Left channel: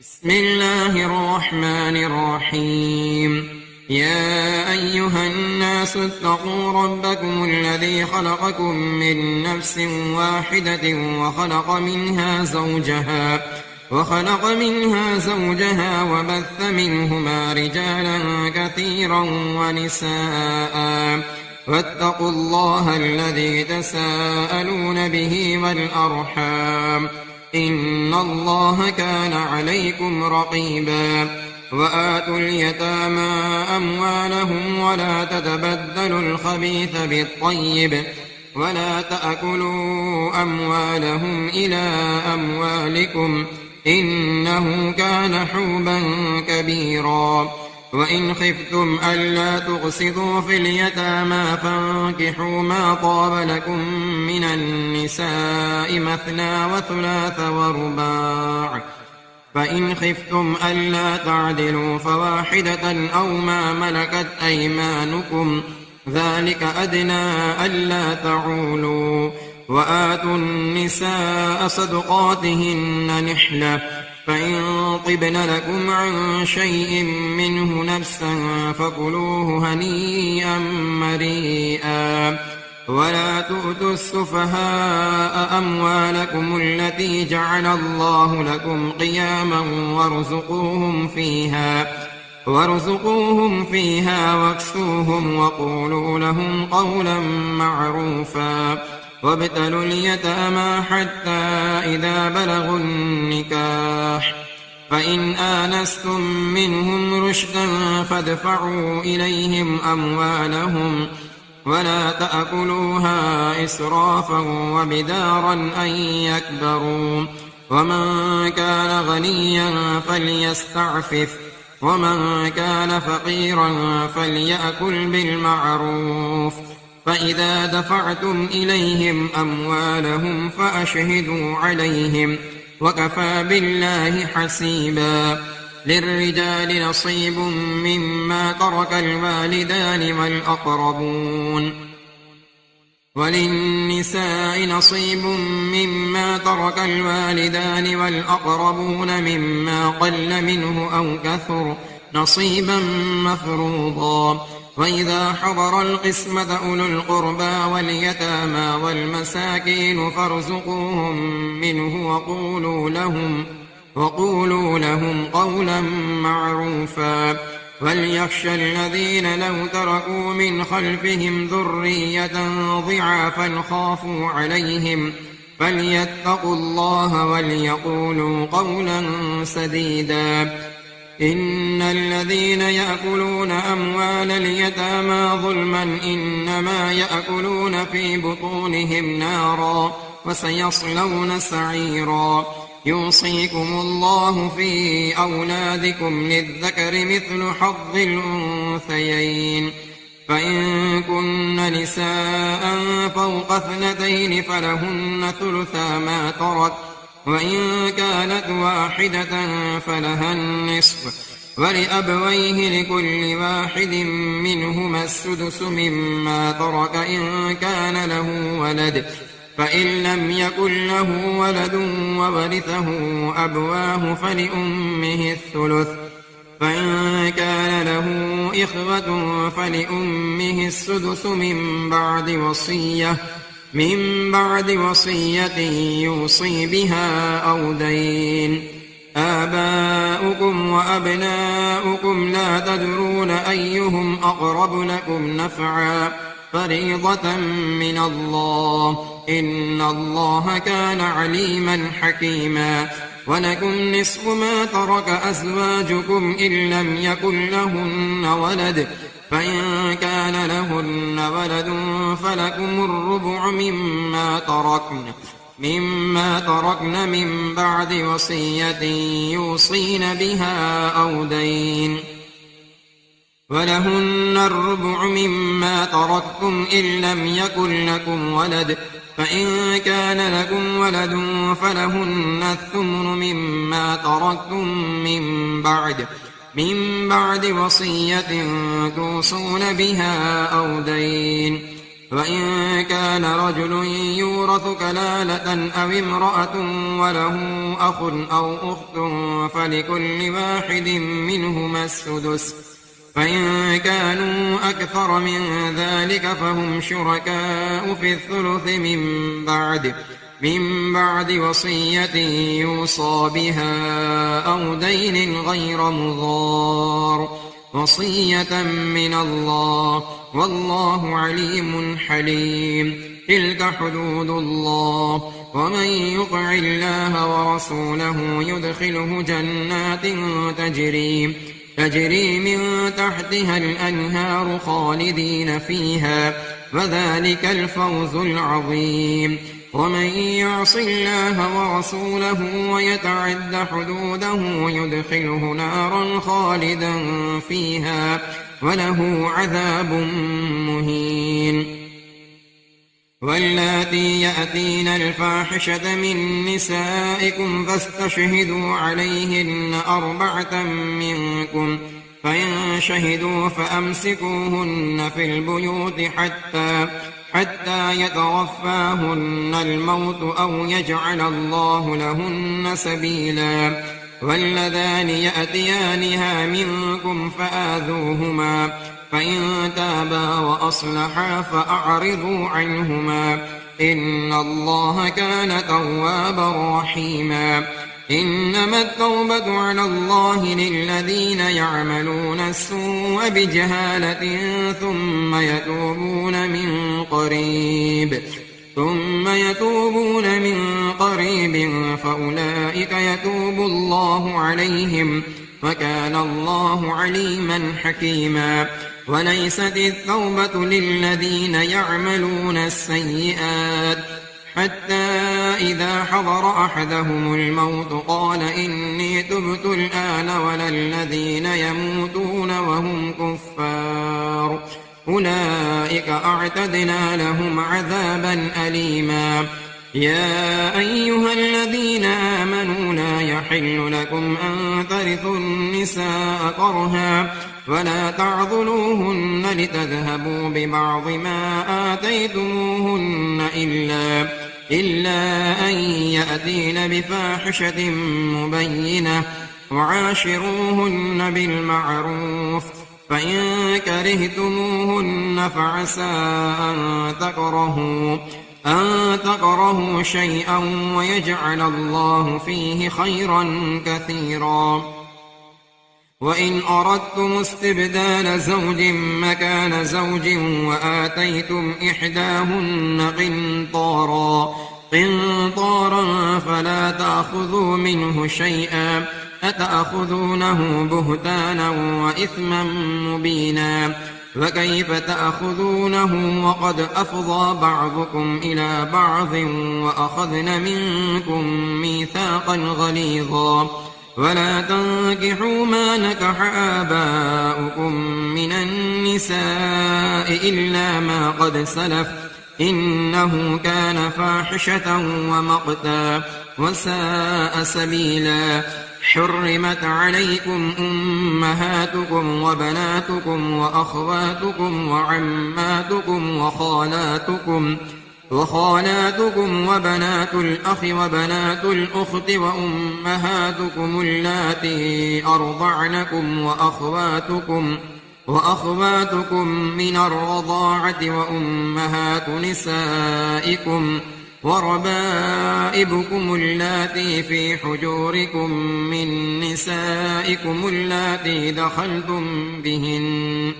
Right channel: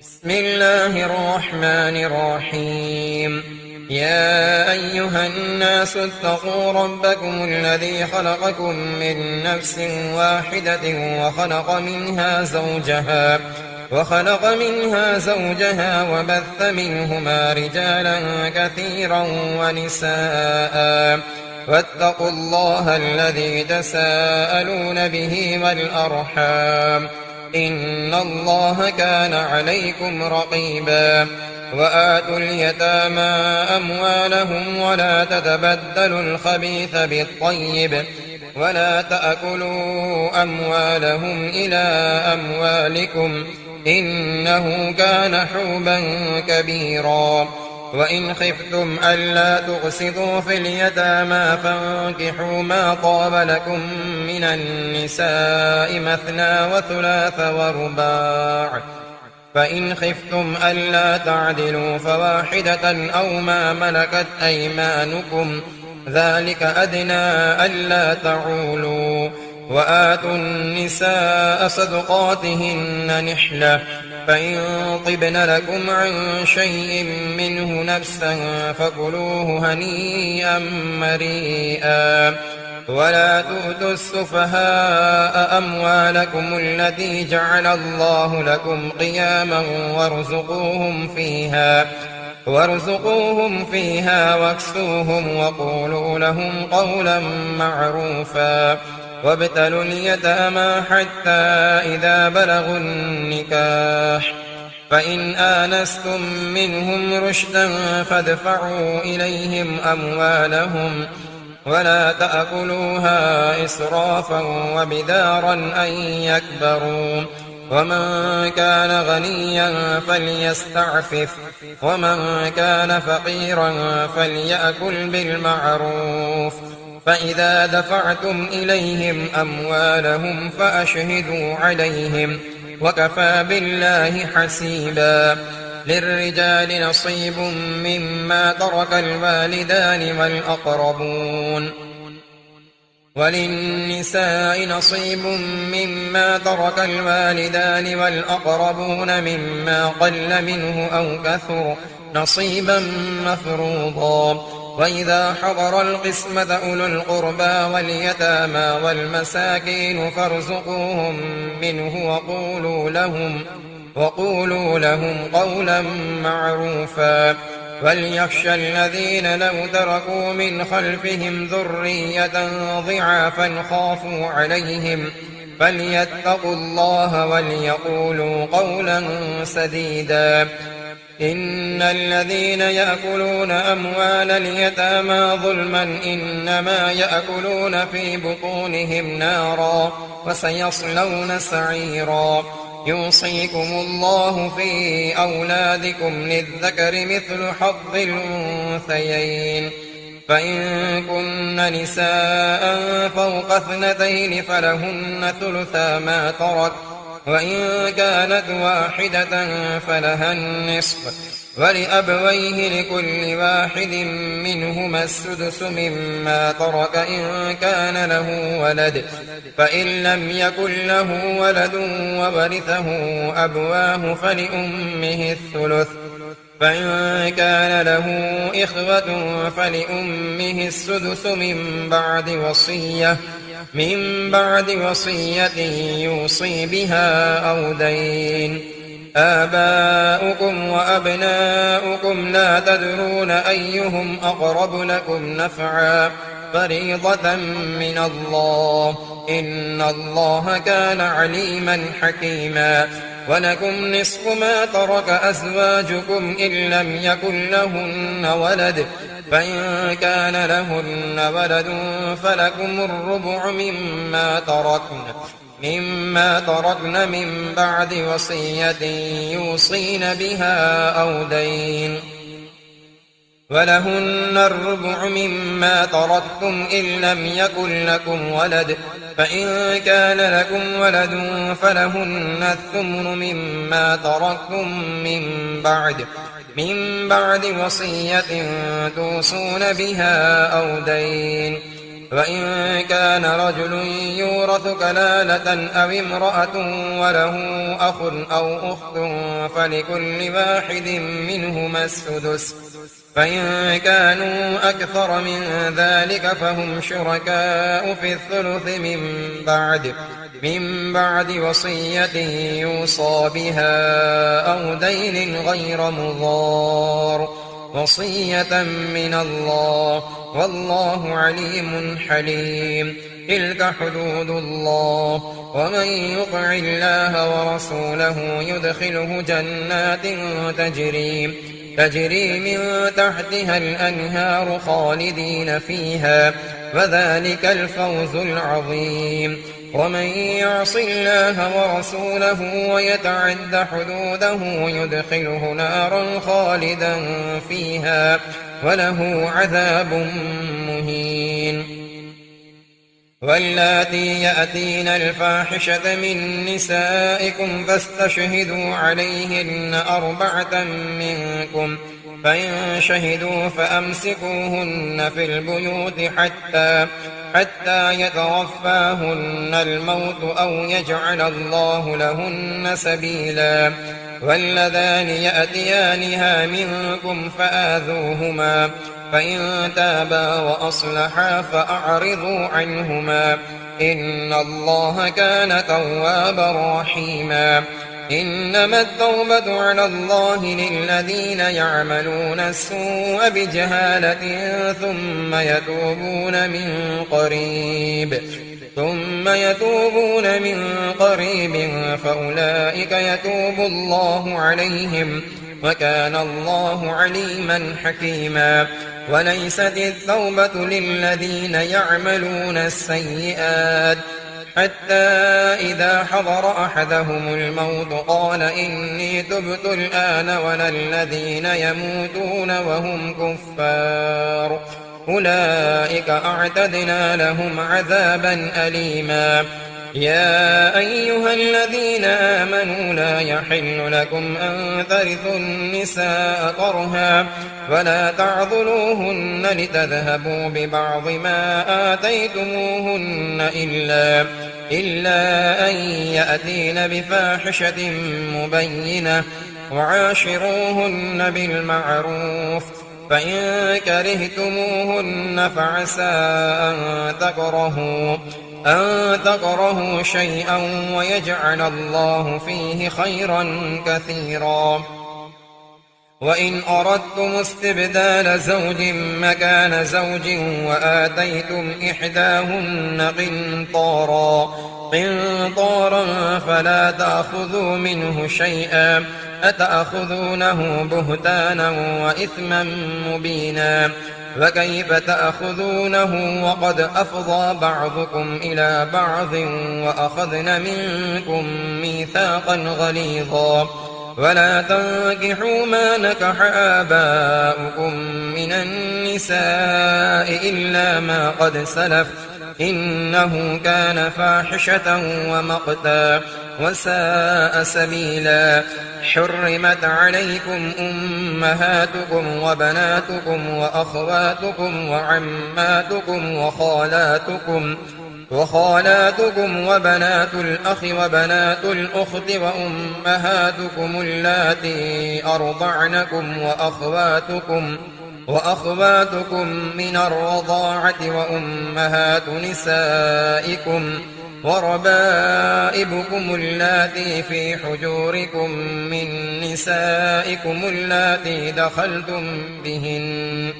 بسم الله الرحمن الرحيم. يا أيها الناس اتقوا ربكم الذي خلقكم من نفس واحدة وخلق منها زوجها وبث منهما رجالا كثيرا ونساء واتقوا الله الذي تساءلون به والأرحام إن الله كان عليكم رقيبا. وآتوا اليتامى أموالهم ولا تتبدلوا الخبيث بالطيب ولا تأكلوا أموالهم إلى أموالكم إنه كان حوبا كبيرا. وإن خفتم ألا تقسطوا في اليتامى فانكحوا ما طاب لكم من النساء مثنى وثلاث ورباع، فإن خفتم ألا تعدلوا فواحدة أو ما ملكت أيمانكم ذلك أدنى ألا تعولوا. وآتوا النساء صدقاتهن نحلة، فإن طبن لكم عن شيء منه نفسا فكلوه هنيئا مريئا. ولا تؤتوا السفهاء أموالكم التي جعل الله لكم قياما وارزقوهم فيها واكسوهم وقولوا لهم قولا معروفا. وابتلوا اليتامى حتى إذا بلغوا النكاح، فإن آنستم منهم رشدا فادفعوا إليهم أموالهم ولا تأكلوها إسرافا وبدارا أن يكبروا. ومن كان غنيا فليستعفف ومن كان فقيرا فليأكل بالمعروف. فإذا دفعتم إليهم أموالهم فأشهدوا عليهم وكفى بالله حسيبا. للرجال نصيب مما ترك الوالدان والأقربون وللنساء نصيب مما ترك الوالدان والأقربون مما قل منه أو كثر نصيبا مفروضا. وإذا حضر القسمة أولو القربى واليتامى والمساكين فارزقوهم منه وقولوا لهم قولا معروفا. وليخشى الذين لو تركوا من خلفهم ذرية ضعافا خافوا عليهم فليتقوا الله وليقولوا قولا سديدا. إن الذين يأكلون أموال اليتامى ظلما إنما يأكلون في بطونهم نارا وسيصلون سعيرا. يوصيكم الله في أولادكم للذكر مثل حظ الأنثيين، فإن كن نساء فوق 2 فلهن ثلثا ما ترك، وإن كانت واحدة فلها النصف، ولأبويه لكل واحد منهما السدس مما ترك إن كان له ولد، فإن لم يكن له ولد وورثه أبواه فلأمه الثلث، فإن كان له إخوة فلأمه السدس من بعد وصية يوصي بها أو دين. آباؤكم وأبناؤكم لا تدرون أيهم أقرب لكم نفعا فريضة من الله إن الله كان عليما حكيما. ولكم نصف ما ترك أزواجكم إن لم يكن لهن ولد، فإن كان لهن ولد فلكم الربع مما تركن من بعد وصية يوصين بها أو دين. ولهن الربع مما تركتم إن لم يكن لكم ولد، فإن كان لكم ولد فلهن الثمن مما تركتم من بعد وصية توصون بها أو دين. وإن كان رجل يورث كلالة أو امرأة وله أخ أو أخت فلكل واحد منهما السدس، فإن كانوا أكثر من ذلك فهم شركاء في الثلث من بعد وصية يوصى بها أو دين غير مضار، وصية من الله والله عليم حليم. تلك حدود الله، ومن يطع الله ورسوله يدخله جنات تجري من تحتها الأنهار خالدين فيها، وذلك الفوز العظيم. ومن يعص الله ورسوله ويتعد حدوده يدخله نارا خالدا فيها وله عذاب مهين. واللاتي يأتين الفاحشة من نسائكم فاستشهدوا عليهن 4 منكم، فإن شهدوا فأمسكوهن في البيوت حتى يتوفاهن الموت أو يجعل الله لهن سبيلا. واللذان يأتيانها منكم فآذوهما، فإن تابا وأصلحا فأعرضوا عنهما، إن الله كان توابا رحيما. إنما التوبة على الله للذين يعملون السوء بجهالة ثم يتوبون من قريب فأولئك يتوب الله عليهم، وكان الله عليما حكيما. وليست التوبة للذين يعملون السيئات حتى إذا حضر أحدهم الموت قال إني تبت الآن، ولا الذين يموتون وهم كفار أولئك أعتدنا لهم عذابا أليما. يا أيها الذين آمنوا لا يحل لكم أن ترثوا النساء كرها ولا تعضلوهن لتذهبوا ببعض ما آتيتموهن إلا أن يأتين بفاحشة مبينة، وعاشروهن بالمعروف. فإن كرهتموهن فعسى أن تكرهوا شيئا ويجعل الله فيه خيرا كثيرا. وإن أردتم استبدال زوج مكان زوج وآتيتم إحداهن قنطارا فلا تأخذوا منه شيئا، أتأخذونه بهتانا وإثما مبينا. وكيف تأخذونه وقد أفضى بعضكم إلى بعض وأخذن منكم ميثاقا غليظا. ولا تنكحوا ما نكح آباؤكم من النساء إلا ما قد سلف، إنه كان فاحشة ومقتا وساء سبيلا. حرمت عليكم أمهاتكم وبناتكم وأخواتكم وعماتكم وخالاتكم وبنات الأخ وبنات الأخت وأمهاتكم اللاتي أرضعنكم وأخواتكم من الرضاعة وأمهات نسائكم وربائبكم اللاتي في حجوركم من نسائكم اللاتي دخلتم بهن،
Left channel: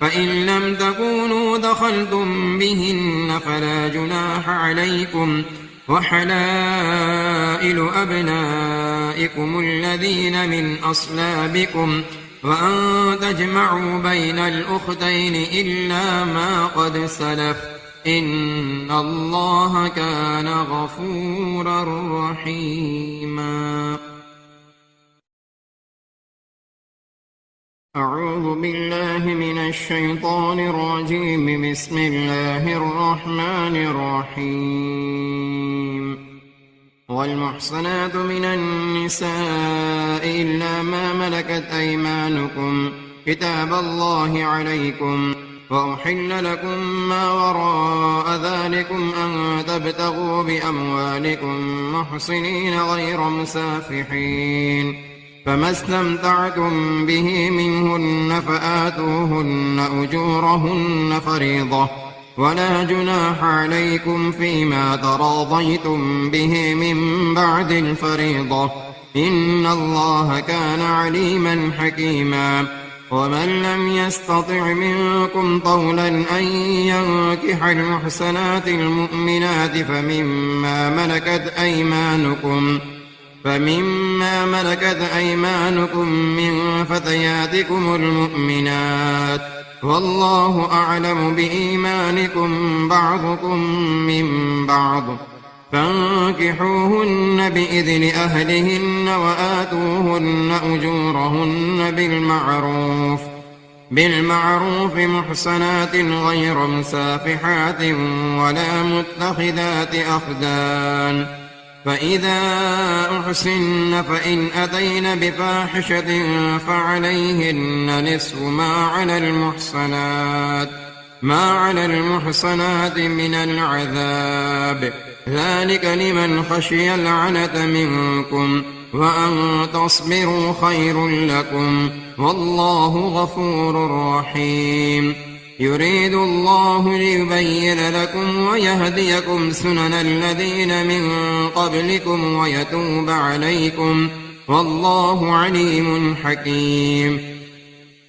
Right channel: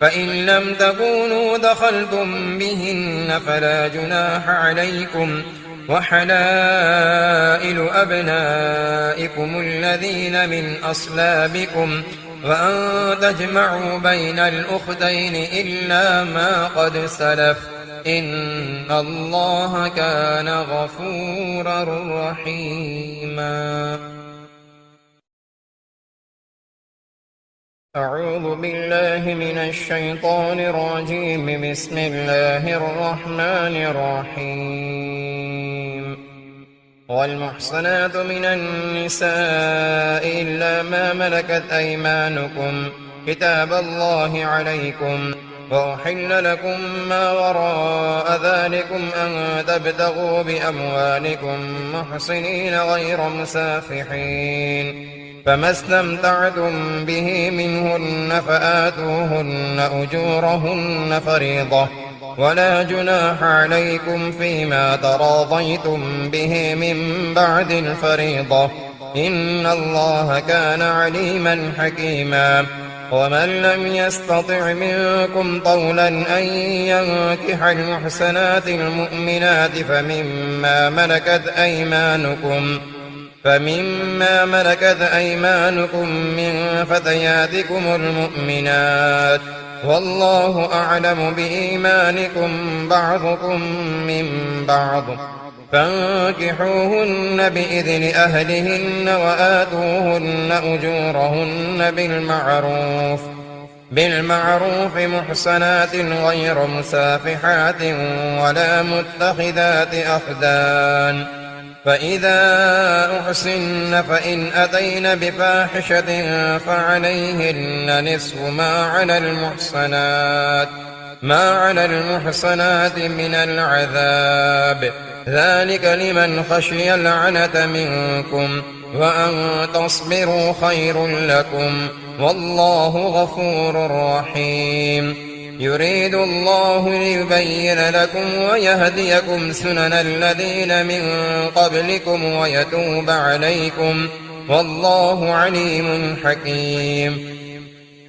فإن لم تكونوا دخلتم بهن فلا جناح عليكم. وحلائل أبنائكم الذين من أصلابكم، وأن تجمعوا بين الأختين إلا ما قد سلف، إن الله كان غفورا رحيما. أعوذ بالله من الشيطان الرجيم. بسم الله الرحمن الرحيم. والمحصنات من النساء إلا ما ملكت أيمانكم كتاب الله عليكم، وأحل لكم ما وراء ذلكم أن تبتغوا بأموالكم محصنين غير مسافحين، فما استمتعتم به منهن فآتوهن أجورهن فريضة، ولا جناح عليكم فيما تراضيتم به من بعد الفريضة، إن الله كان عليما حكيما. ومن لم يستطع منكم طولا أن ينكح المحسنات المؤمنات فمما ملكت أيمانكم من فتياتكم المؤمنات، والله أعلم بإيمانكم بعضكم من بعض، فانكحوهن بإذن أهلهن وآتوهن أجورهن بالمعروف محصنات غير مسافحات ولا متخذات أخدان، فإذا أحسن فإن أتين بفاحشة فعليهن نصف ما على المحصنات من العذاب، ذلك لمن خشي العنة منكم، وأن تصبروا خير لكم، والله غفور رحيم. يريد الله ليبين لكم ويهديكم سنن الذين من قبلكم ويتوب عليكم، والله عليم حكيم.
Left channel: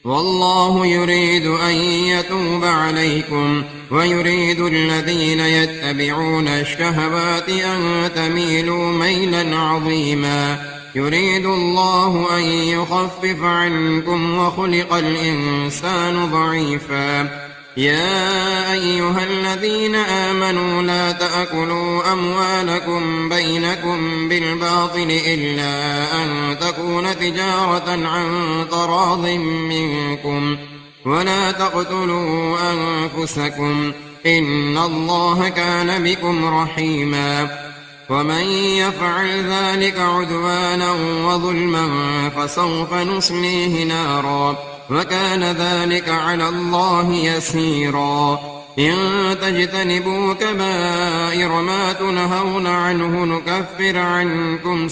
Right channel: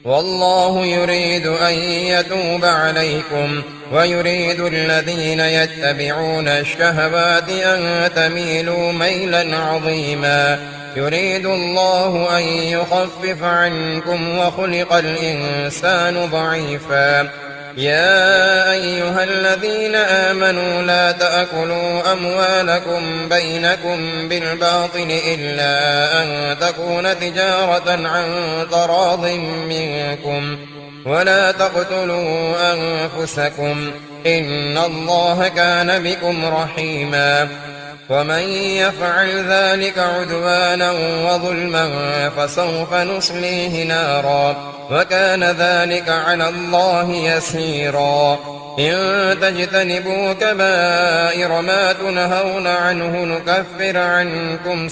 والله يريد أن يتوب عليكم، ويريد الذين يتبعون الشهوات أن تميلوا ميلا عظيما. يريد الله أن يخفف عنكم وخلق الإنسان ضعيفا. يا أيها الذين آمنوا لا تأكلوا أموالكم بينكم بالباطل إلا أن تكون تجارة عن تراض منكم، ولا تقتلوا أنفسكم، إن الله كان بكم رحيما. ومن يفعل ذلك عدوانا وظلما فسوف نصليه نارا، وكان ذلك على الله يسيرا. إن تجتنبوا كبائر ما تنهون عنه نكفر عنكم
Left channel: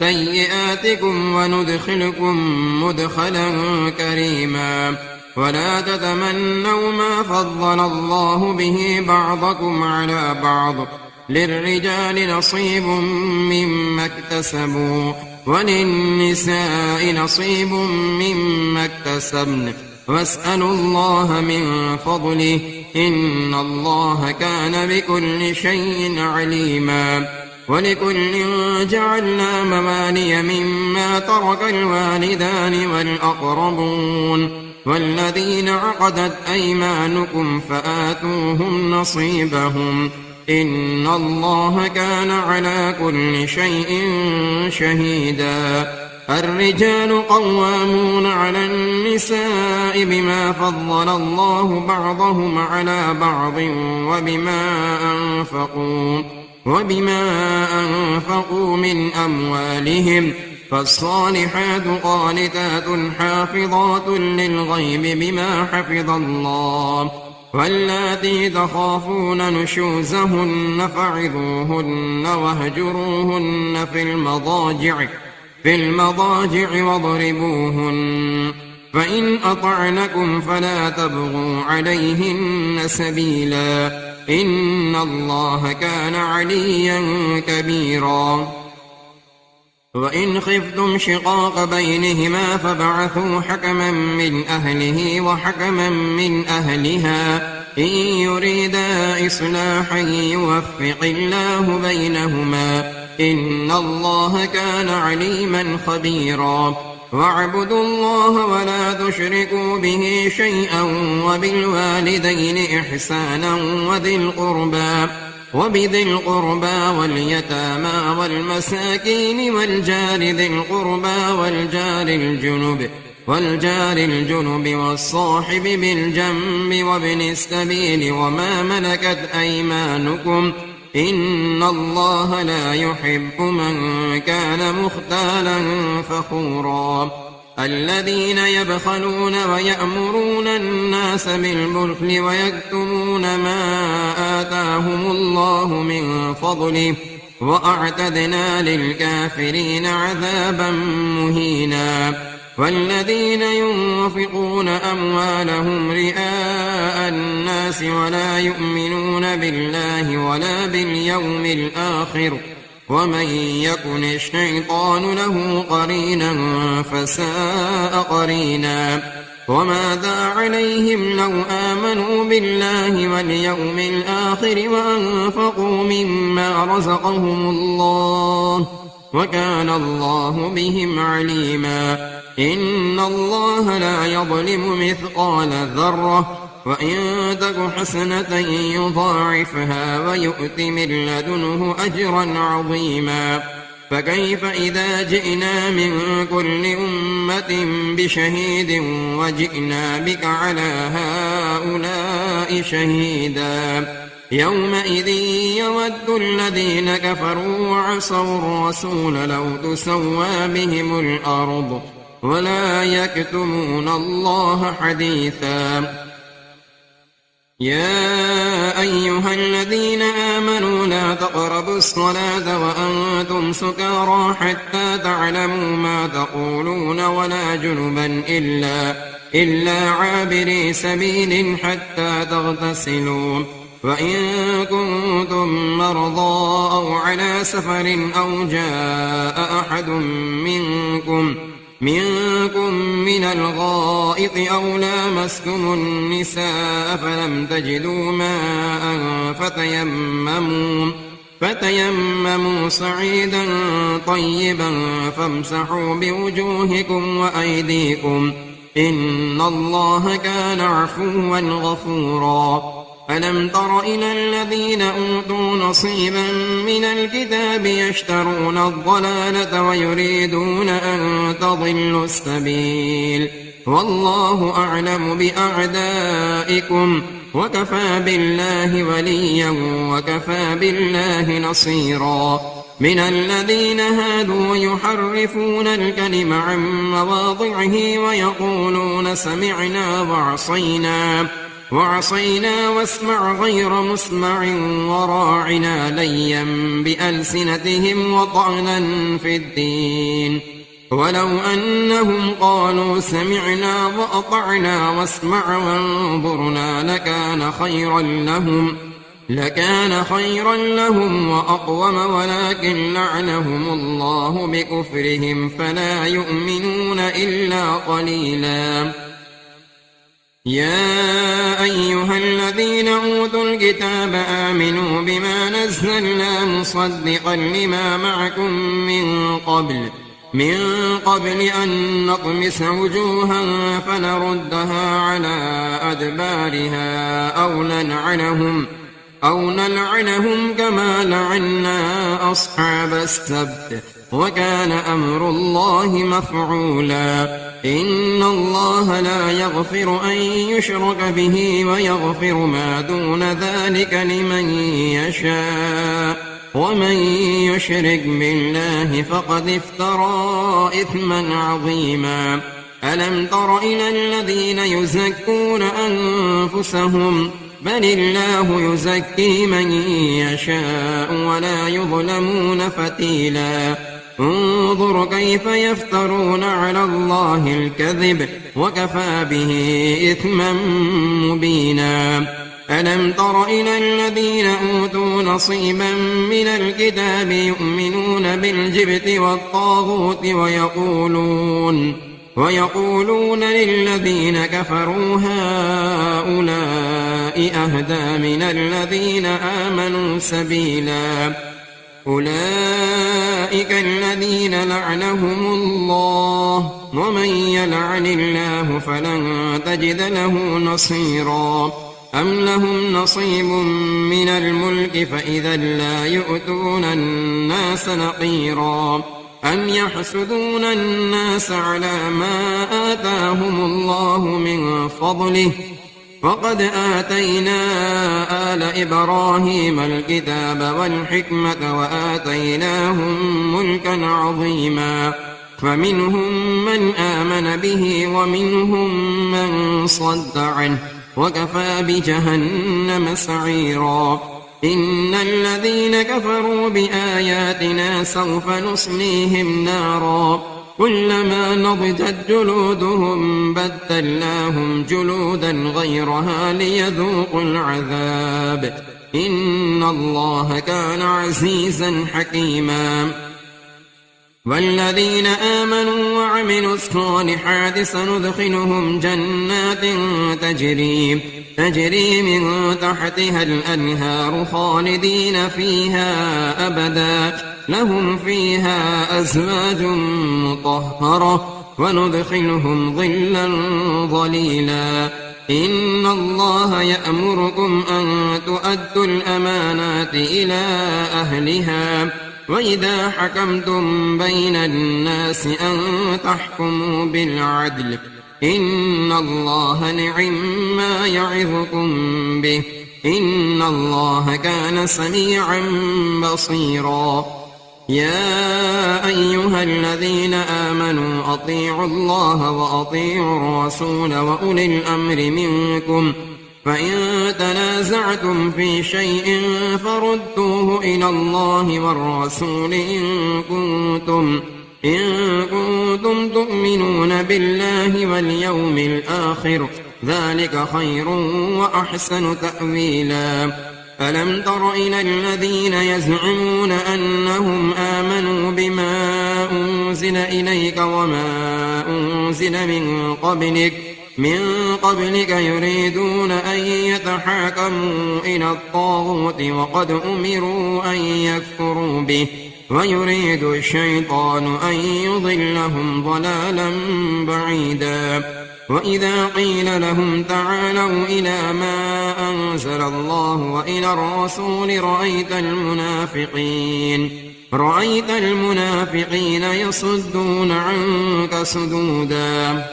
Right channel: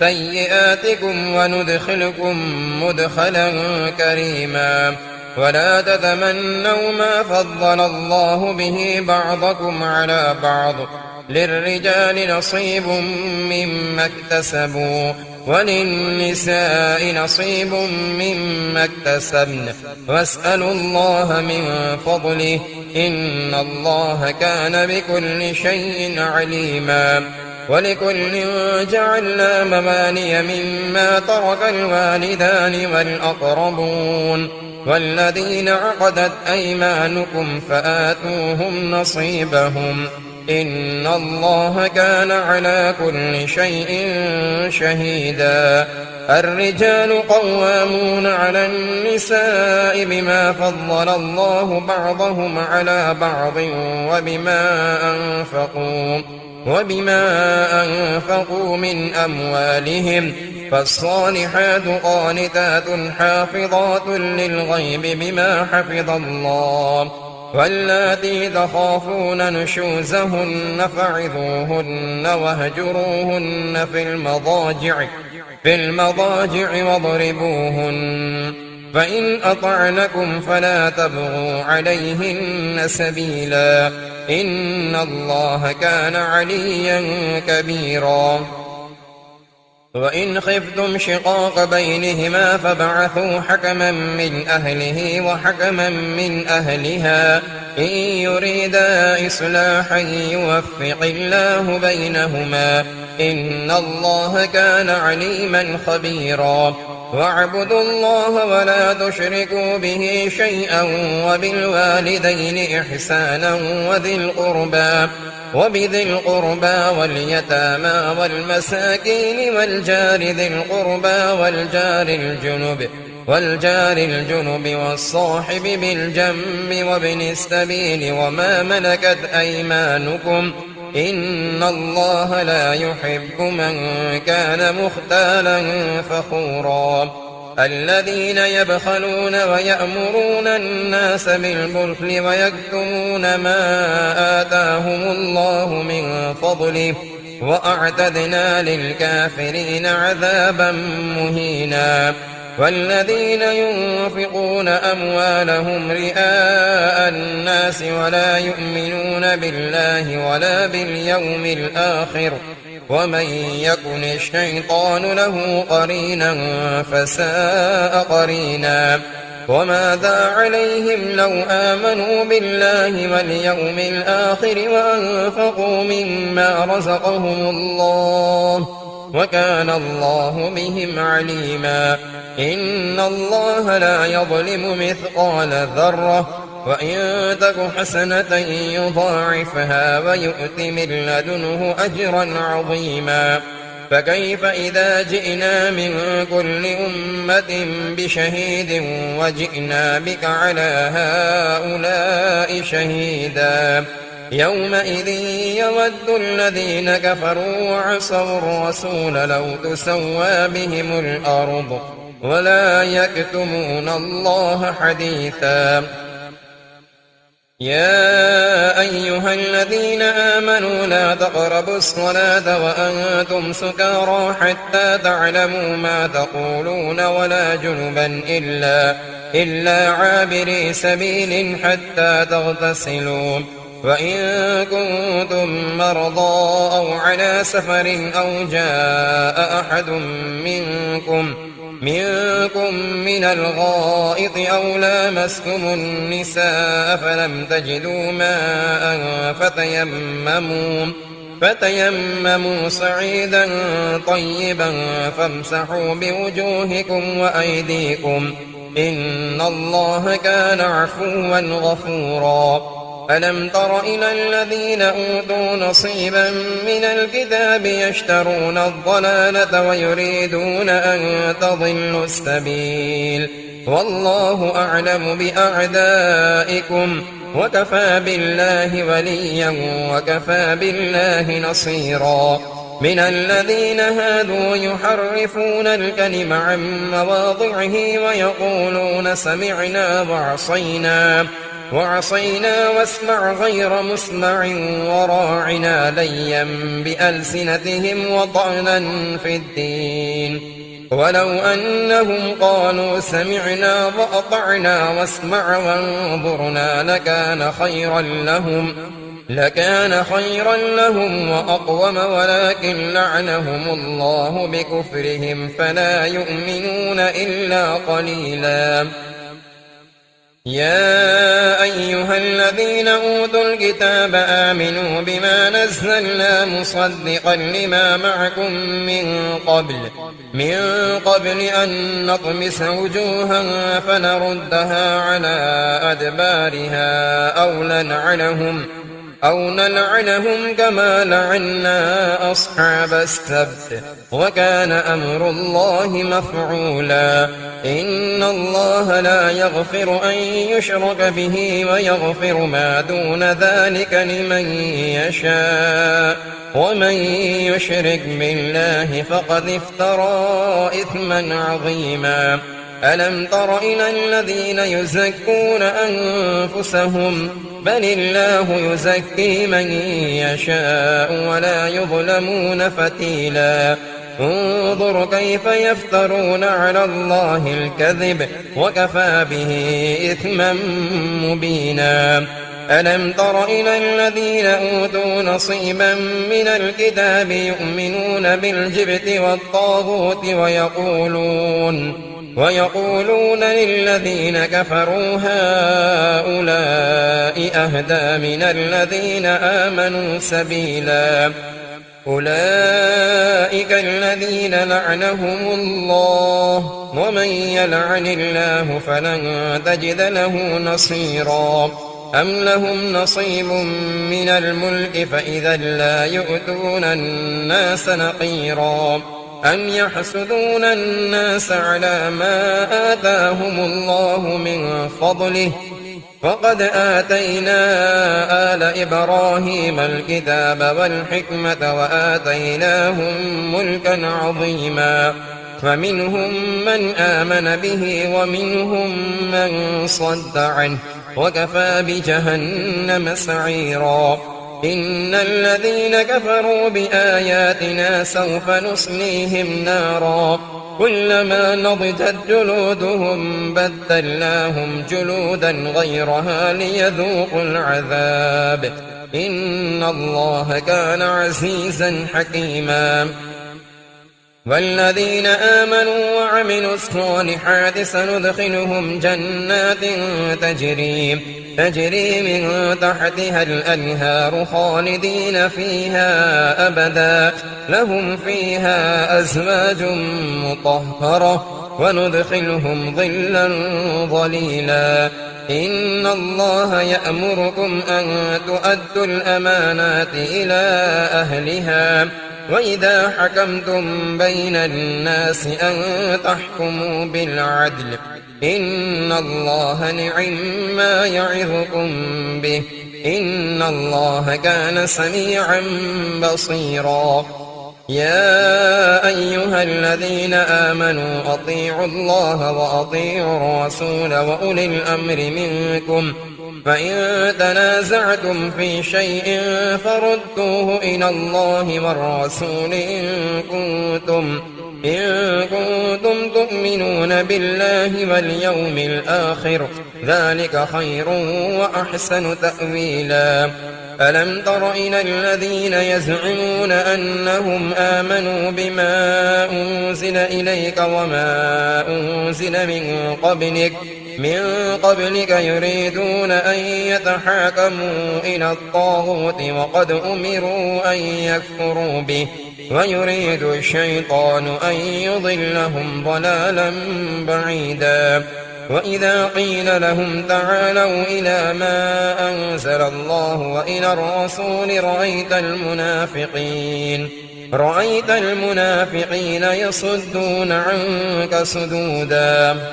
سيئاتكم وندخلكم مدخلا كريما. ولا تتمنوا ما فضل الله به بعضكم على بعض، للرجال نصيب مما اكتسبوا وللنساء نصيب مما اكتسبن، واسألوا الله من فضله، إن الله كان بكل شيء عليما. ولكل جعلنا موالي مما ترك الوالدان والأقربون والذين عقدت أيمانكم فآتوهم نصيبهم، إن الله كان على كل شيء شهيدا. الرجال قوامون على النساء بما فضل الله بعضهم على بعض وبما أنفقوا من أموالهم، فالصالحات قانتات حافظات للغيب بما حفظ الله. واللاتي تخافون نشوزهن فعظوهن واهجروهن في المضاجع واضربوهن، فإن أطعنكم فلا تبغوا عليهن سبيلا، إن الله كان عليا كبيرا. وإن خفتم شقاق بينهما فابعثوا حكما من أهله وحكما من أهلها، إن يريدا إصلاحا يوفق الله بينهما، إن الله كان عليما خبيرا. واعبدوا الله ولا تشركوا به شيئا، وبالوالدين إحسانا وبذي القربى واليتامى والمساكين والجار ذي القربى والجار الجنب والصاحب بالجنب وابن السبيل وما ملكت أيمانكم، إن الله لا يحب من كان مختالا فخورا. الذين يبخلون ويأمرون الناس بالبخل ويكتمون ما آتاهم الله من فضله وأعتدنا للكافرين عذابا مهينا والذين ينفقون أموالهم رئاء الناس ولا يؤمنون بالله ولا باليوم الآخر ومن يكن الشيطان له قرينا فساء قرينا وماذا عليهم لو آمنوا بالله واليوم الآخر وأنفقوا مما رزقهم الله وكان الله بهم عليما إن الله لا يظلم مثقال ذرة وإن تك حسنة يضاعفها ويؤت من لدنه أجرا عظيما فكيف إذا جئنا من كل أمة بشهيد وجئنا بك على هؤلاء شهيدا يومئذ يود الذين كفروا وعصوا الرسول لو تسوى بهم الأرض ولا يكتمون الله حديثا يا أيها الذين آمنوا لا تقربوا الصلاة وأنتم سكارى حتى تعلموا ما تقولون ولا جنبا إلا عابري سبيل حتى تغتسلوا وإن كنتم مرضى أو على سفر أو جاء أحد منكم من الغائط أو لامستم النساء فلم تجدوا ماء فتيمموا صعيدا طيبا فامسحوا بوجوهكم وأيديكم إن الله كان عفوا غفورا ألم تر إلى الذين أوتوا نصيبا من الكتاب يشترون الضلالة ويريدون أن تضلوا السبيل والله أعلم بأعدائكم وكفى بالله وليا وكفى بالله نصيرا من الذين هادوا يحرفون الكلم عن مواضعه ويقولون سمعنا وعصينا واسمع غير مسمع وراعنا ليا بألسنتهم وطعنا في الدين ولو أنهم قالوا سمعنا وأطعنا واسمع وانظرنا لكان خيرا لهم وأقوم ولكن لعنهم الله بكفرهم فلا يؤمنون إلا قليلا يا أيها الذين أوتوا الكتاب آمنوا بما نزلنا مصدقا لما معكم من قبل أن نطمس وجوها فنردها على أدبارها أو نلعنهم كما لعنا أصحاب السبت وكان أمر الله مفعولا إن الله لا يغفر أن يشرك به ويغفر ما دون ذلك لمن يشاء ومن يشرك بالله فقد افترى إثما عظيما ألم تر إلى الذين يزكون أنفسهم بل الله يزكي من يشاء ولا يظلمون فتيلا انظر كيف يفترون على الله الكذب وكفى به إثما مبينا ألم تر إلى الذين أوتوا نصيبا من الكتاب يؤمنون بالجبت والطاغوت ويقولون للذين كفروا هؤلاء أهدى من الذين آمنوا سبيلا أولئك الذين لعنهم الله ومن يلعن الله فلن تجد له نصيرا أم لهم نصيب من الملك فإذا لا يؤتون الناس نقيرا أم يحسدون الناس على ما آتاهم الله من فضله فقد آتينا آل إبراهيم الكتاب والحكمة وآتيناهم ملكا عظيما فمنهم من آمن به ومنهم من صد عنه وكفى بجهنم سعيرا إن الذين كفروا بآياتنا سوف نصليهم نارا كلما نضجت جلودهم بدلناهم جلودا غيرها ليذوقوا العذاب إن الله كان عزيزا حكيما والذين آمنوا وعملوا الصالحات سندخلهم جنات تجري من تحتها الأنهار خالدين فيها أبدا لهم فيها أزواج مطهرة وندخلهم ظلا ظليلا إن الله يأمركم أن تؤدوا الأمانات إلى أهلها وإذا حكمتم بين الناس أن تحكموا بالعدل إن الله نعم يعظكم به إن الله كان سميعا بصيرا يا أيها الذين آمنوا أطيعوا الله وأطيعوا الرسول وأولي الأمر منكم فإن تنازعتم في شيء فردوه إلى الله والرسول إن كنتم تؤمنون بالله واليوم الآخر ذلك خير وأحسن تأويلا ألم تر إلى الذين يزعمون أنهم آمنوا بما أنزل إليك وما أنزل من قبلك يريدون أن يتحاكموا إلى الطاغوت وقد أمروا أن يكفروا به ويريد الشيطان أن يضلهم ضلالا بعيدا وإذا قيل لهم تعالوا إلى ما أنزل الله وإلى الرسول رأيت المنافقين يصدون عنك صدودا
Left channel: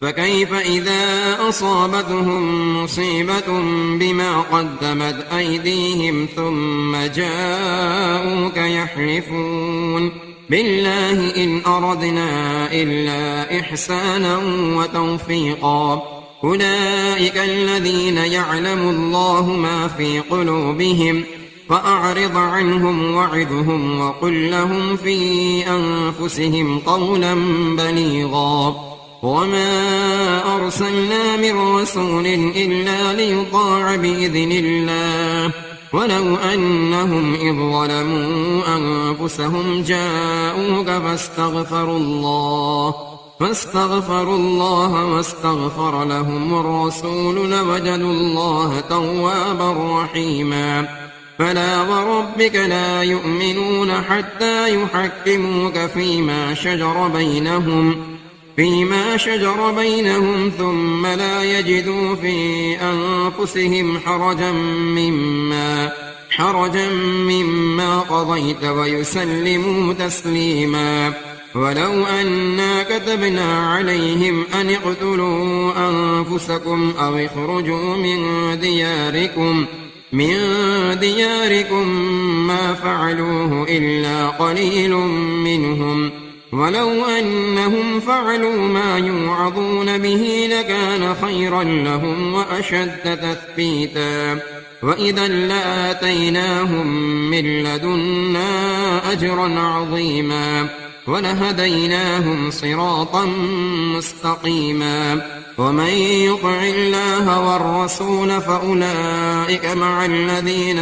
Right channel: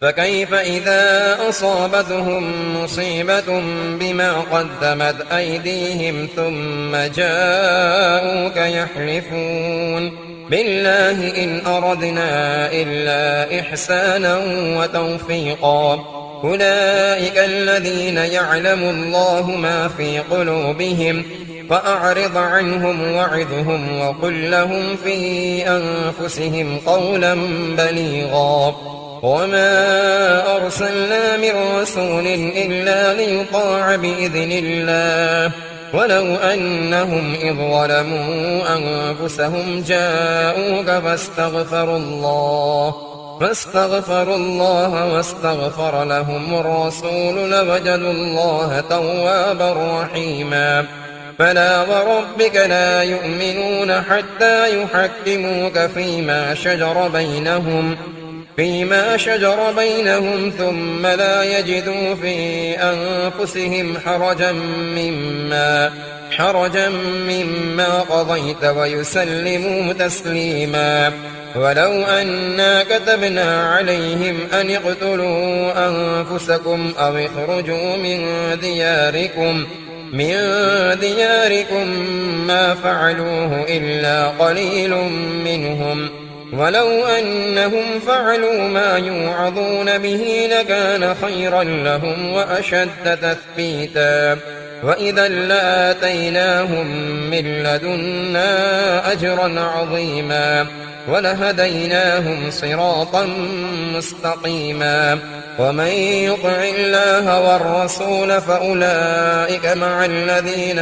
فكيف إذا أصابتهم مصيبة بما قدمت أيديهم ثم جاءوك يحلفون بالله إن أردنا إلا إحسانا وتوفيقا أولئك الذين يعلم الله ما في قلوبهم فأعرض عنهم وعظهم وقل لهم في أنفسهم قولا بليغا وما أرسلنا من رسول إلا ليطاع بإذن الله ولو أنهم إذ ظلموا أنفسهم جاءوك فاستغفروا الله واستغفر لهم الرسول لوجدوا الله توابا رحيما فلا وربك لا يؤمنون حتى يحكموك فيما شجر بينهم ثم لا يجدوا في أنفسهم حرجا مما قضيت ويسلموا تسليما ولو أنا كتبنا عليهم أن اقتلوا أنفسكم أو اخرجوا من دياركم ما فعلوه إلا قليل منهم ولو أنهم فعلوا ما يوعظون به لكان خيرا لهم وأشد تثبيتا وإذا لآتيناهم من لدنا أجرا عظيما ولهديناهم صراطا مستقيما ومن يطع الله والرسول فأولئك مع الذين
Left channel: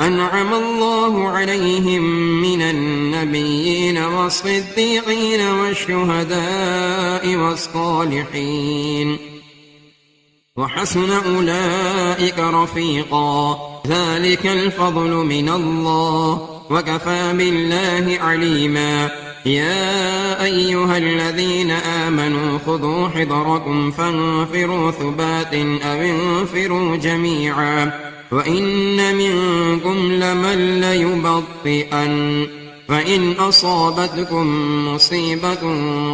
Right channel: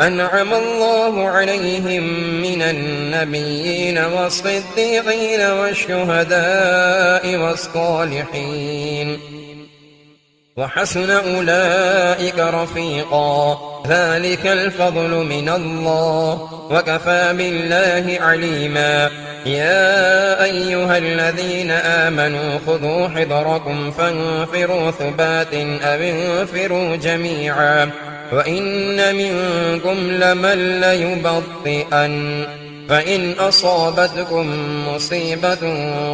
أنعم الله عليهم من النبيين والصديقين والشهداء والصالحين وحسن أولئك رفيقا ذلك الفضل من الله وكفى بالله عليما يا أيها الذين آمنوا خذوا حذركم فانفروا ثبات أو انفروا جميعا وإن منكم لمن ليبطئن فإن أصابتكم مصيبة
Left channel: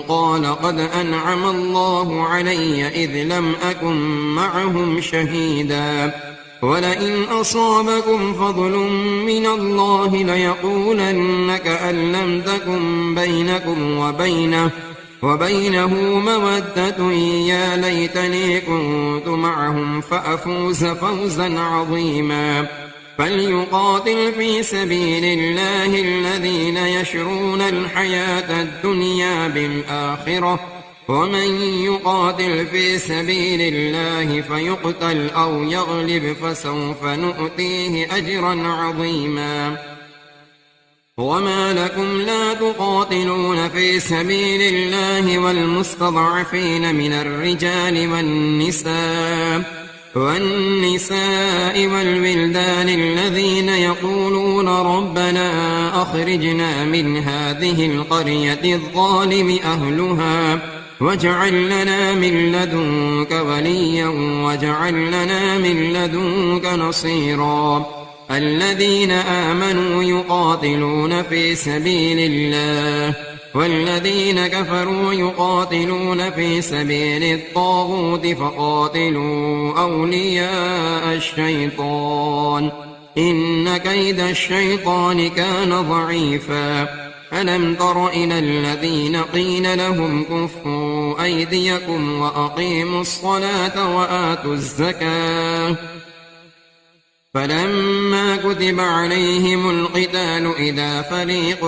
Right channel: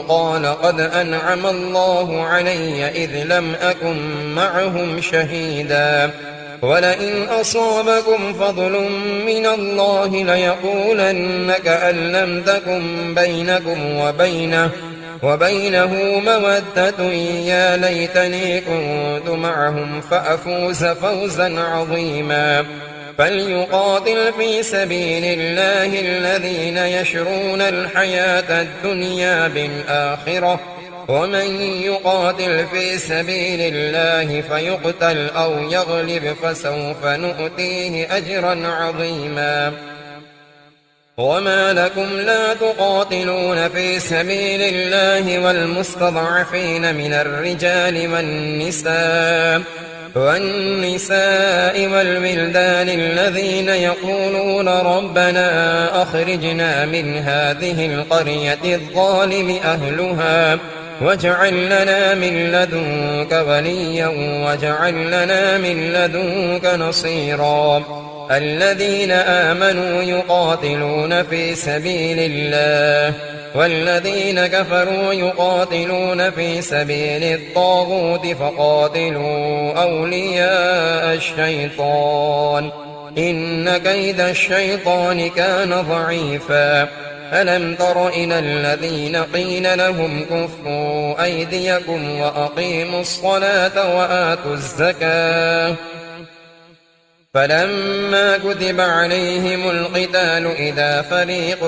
قال قد أنعم الله علي إذ لم أكن معهم شهيدا ولئن أصابكم فضل من الله ليقولن كأن لم تكن بينكم وبينه مودة يا ليتني كنت معهم فأفوز فوزا عظيما. فليقاتل في سبيل الله الذين يشرون الحياة الدنيا بالآخرة، ومن يقاتل في سبيل الله فيقتل أو يغلب فسوف نؤتيه أجرا عظيما. وما لكم لا تقاتلون في سبيل الله والمستضعفين من الرجال والنساء والولدان الذين يقولون ربنا أخرجنا من هذه القرية الظالم أهلها واجعل لنا من لدنك وليا واجعل لنا من لدنك نصيرا. الذين آمنوا يقاتلون في سبيل الله والذين كفروا يقاتلون في سبيل الطاغوت فقاتلوا أولياء الشيطان إن كيد الشيطان كان ضعيفا. ألم تر إلى الذين قيل لهم كفوا أيديكم وأقيموا الصلاة وآتوا الزكاة فلما كتب عليهم القتال إذا فريق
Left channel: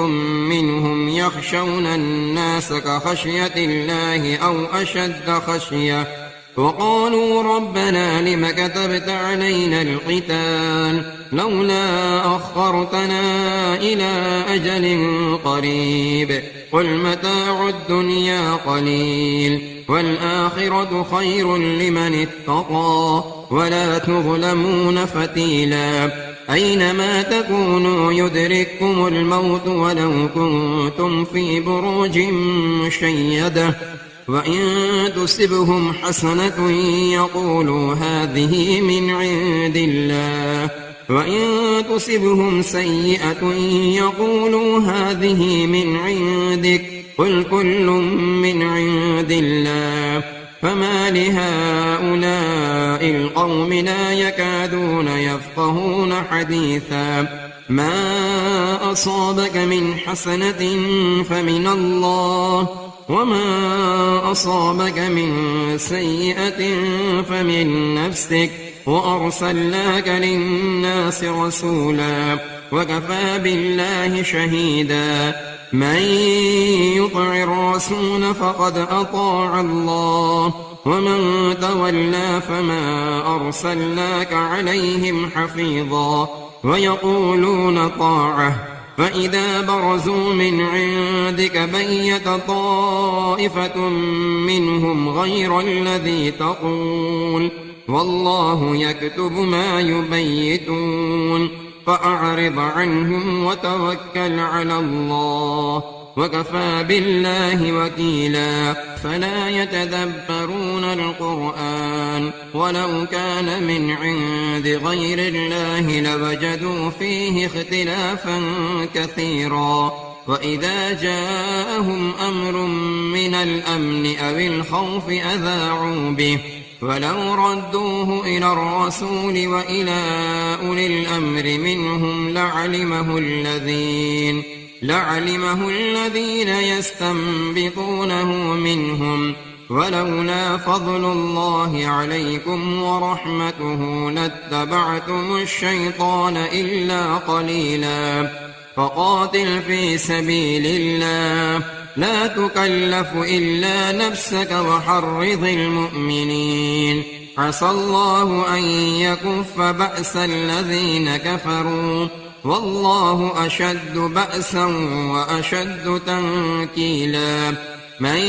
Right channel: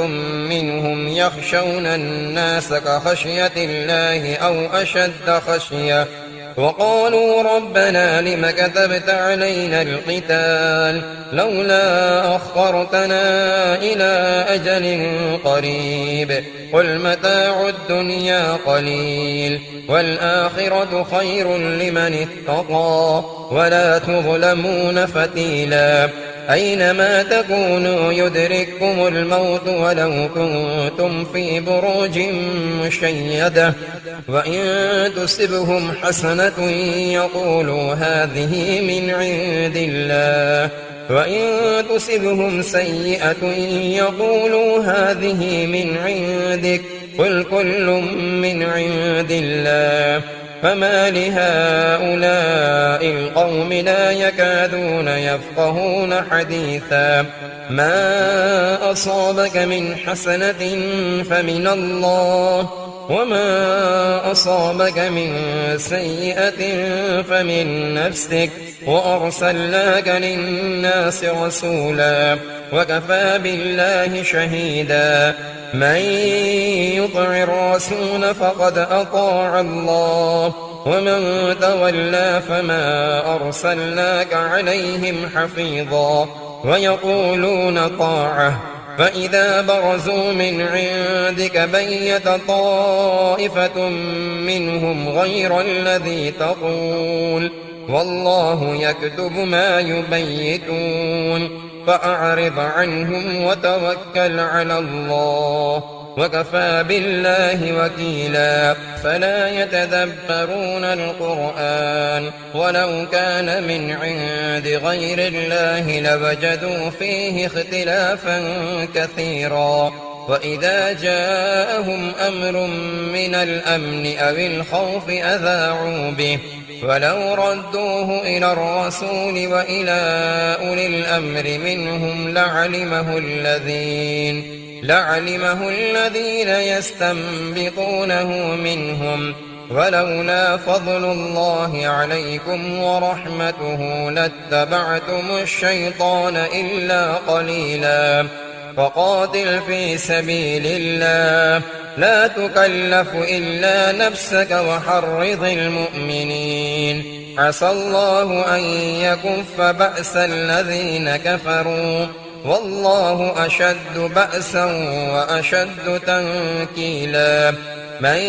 منهم يخشون الناس كخشية الله أو أشد خشية وقالوا ربنا لم كتبت علينا القتال لولا أخرتنا إلى أجل قريب قل متاع الدنيا قليل والآخرة خير لمن اتقى ولا تظلمون فتيلا. أينما تكونوا يدرككم الموت ولو كنتم في بروج مشيدة وإن تصبهم حسنة يقولوا هذه من عند الله وإن تصبهم سيئة يقولوا هذه من عندك قل كل من عند الله. فما لهؤلاء القوم لا يكادون يفقهون حديثا. ما أصابك من حسنة فمن الله وما أصابك من سيئة فمن نفسك وأرسلناك للناس رسولا وكفى بالله شهيدا. من يطع الرسول فقد أطاع الله ومن تولى فما أرسلناك عليهم حفيظا. ويقولون طاعة فإذا برزوا من عندك بيت طائفة منهم غير الذي تقول والله يكتب ما يبيتون فأعرض عنهم وتوكل على الله وكفى بالله وكيلا. فلا يتدبرون القرآن ولو كان من عند غير الله لوجدوا فيه اختلافا كثيرا. وإذا جاءهم أمر من الأمن أو الخوف أذاعوا به ولو ردوه إلى الرسول وإلى أولي الأمر منهم لعلمه الذين يستنبطونه منهم ولولا فضل الله عليكم ورحمته لاتبعتم الشيطان إلا قليلا. فقاتل في سبيل الله لا تكلف إلا نفسك وحرض المؤمنين عسى الله أن يكف بأس الذين كفروا والله أشد بأسا وأشد تنكيلا. من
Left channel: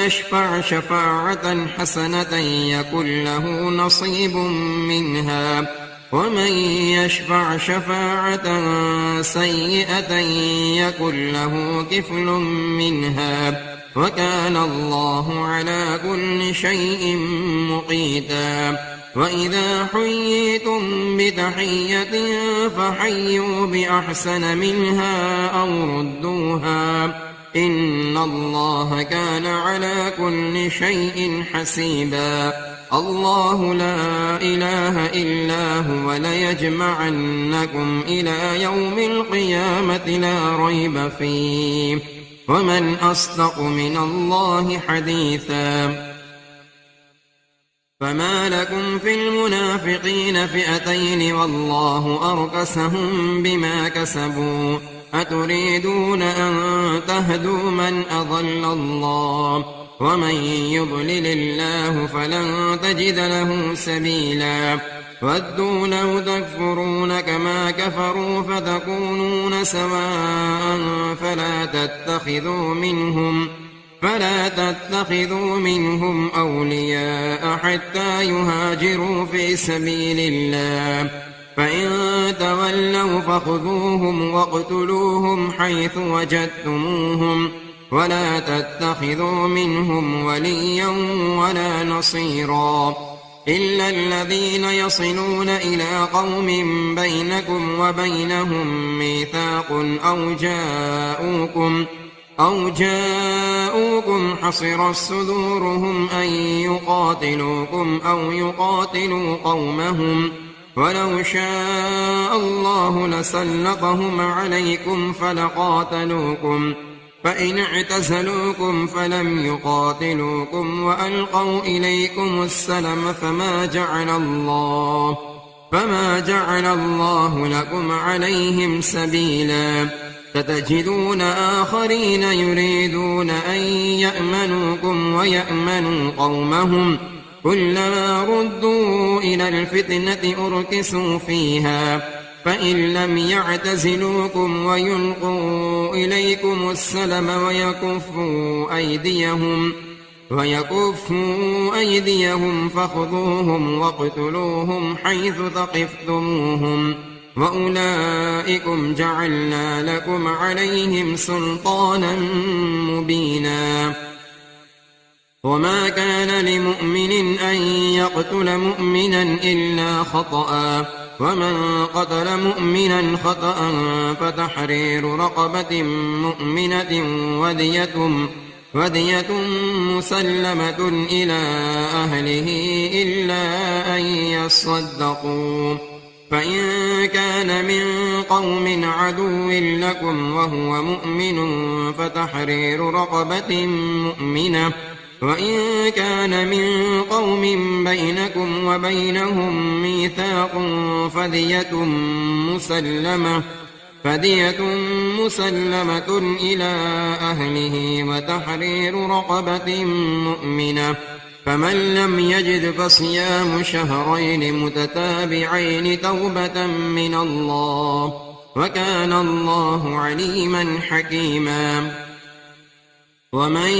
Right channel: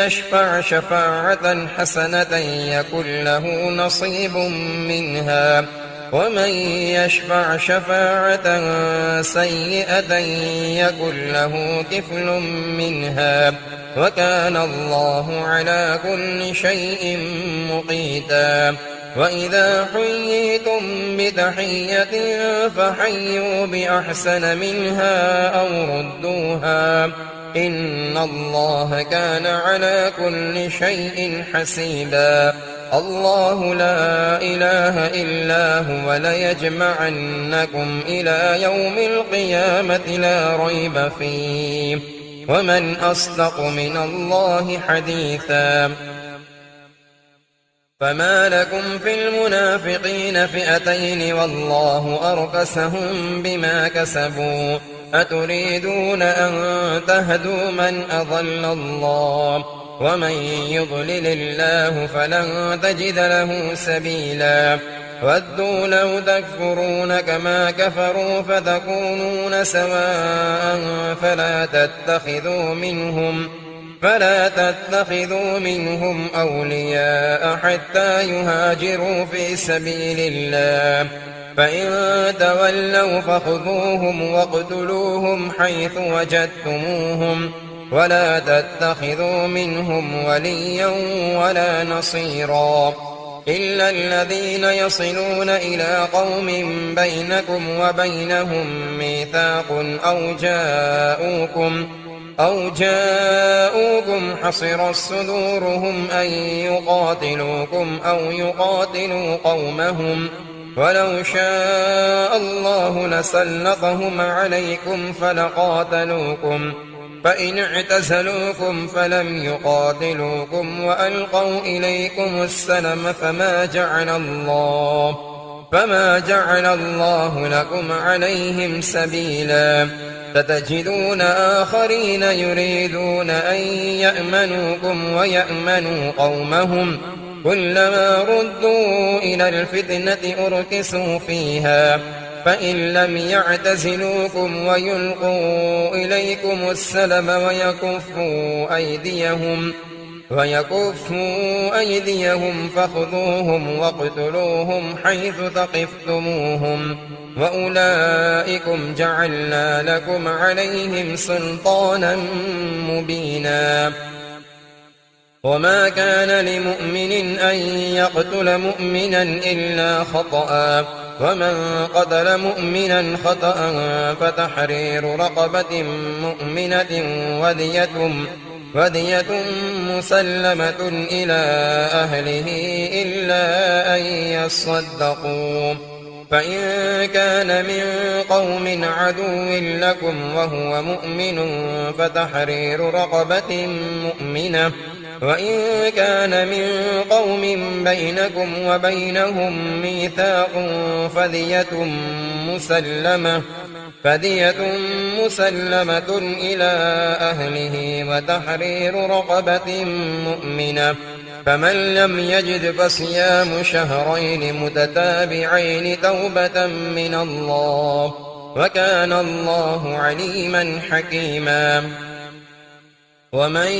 يشفع شفاعة حسنة يكن له نصيب منها ومن يشفع شفاعة سيئة يكن له كفل منها وكان الله على كل شيء مقيتا. وإذا حييتم بتحية فحيوا بأحسن منها أو ردوها إن الله كان على كل شيء حسيبا. الله لا إله إلا هو ليجمعنكم إلى يوم القيامة لا ريب فيه ومن أصدق من الله حديثا فما لكم في المنافقين فئتين والله أركسهم بما كسبوا أتريدون أن تهدوا من أضل الله ومن يضلل الله فلن تجد له سبيلا ودوا لو تكفرون كما كفروا فتكونون سواء فلا تتخذوا منهم أولياء حتى يهاجروا في سبيل الله فإن تولوا فخذوهم واقتلوهم حيث وجدتموهم ولا تتخذوا منهم وليا ولا نصيرا إلا الذين يصلون إلى قوم بينكم وبينهم ميثاق أو جاءوكم حصرت صدورهم أن يقاتلوكم أو يقاتلوا قومهم ولو شاء الله لسلطهم عليكم فلقاتلوكم فإن اعتزلوكم فلم يقاتلوكم وألقوا إليكم السلم فما جعل الله لكم عليهم سبيلا ستجدون آخرين يريدون أن يأمنوكم ويأمنوا قومهم كلما ردوا إلى الفتنة أركسوا فيها فإن لم يعتزلوكم ويلقوا إليكم السلم ويكفوا أيديهم فخذوهم واقتلوهم حيث ثقفتموهم وأولئكم جعلنا لكم عليهم سلطانا مبينا وما كان لمؤمن أن يقتل مؤمنا إلا خطأ ومن قتل مؤمنا خطأ فتحرير رقبة مؤمنة ودية مسلمة إلى أهله إلا أن يصدقوا فإن كان من قوم عدو لكم وهو مؤمن فتحرير رقبة مؤمنة وإن كان من قوم بينكم وبينهم ميثاق فدية مسلمة إلى أهله وتحرير رقبة مؤمنة فمن لم يجد فصيام شهرين متتابعين توبة من الله وكان الله عليما حكيما ومن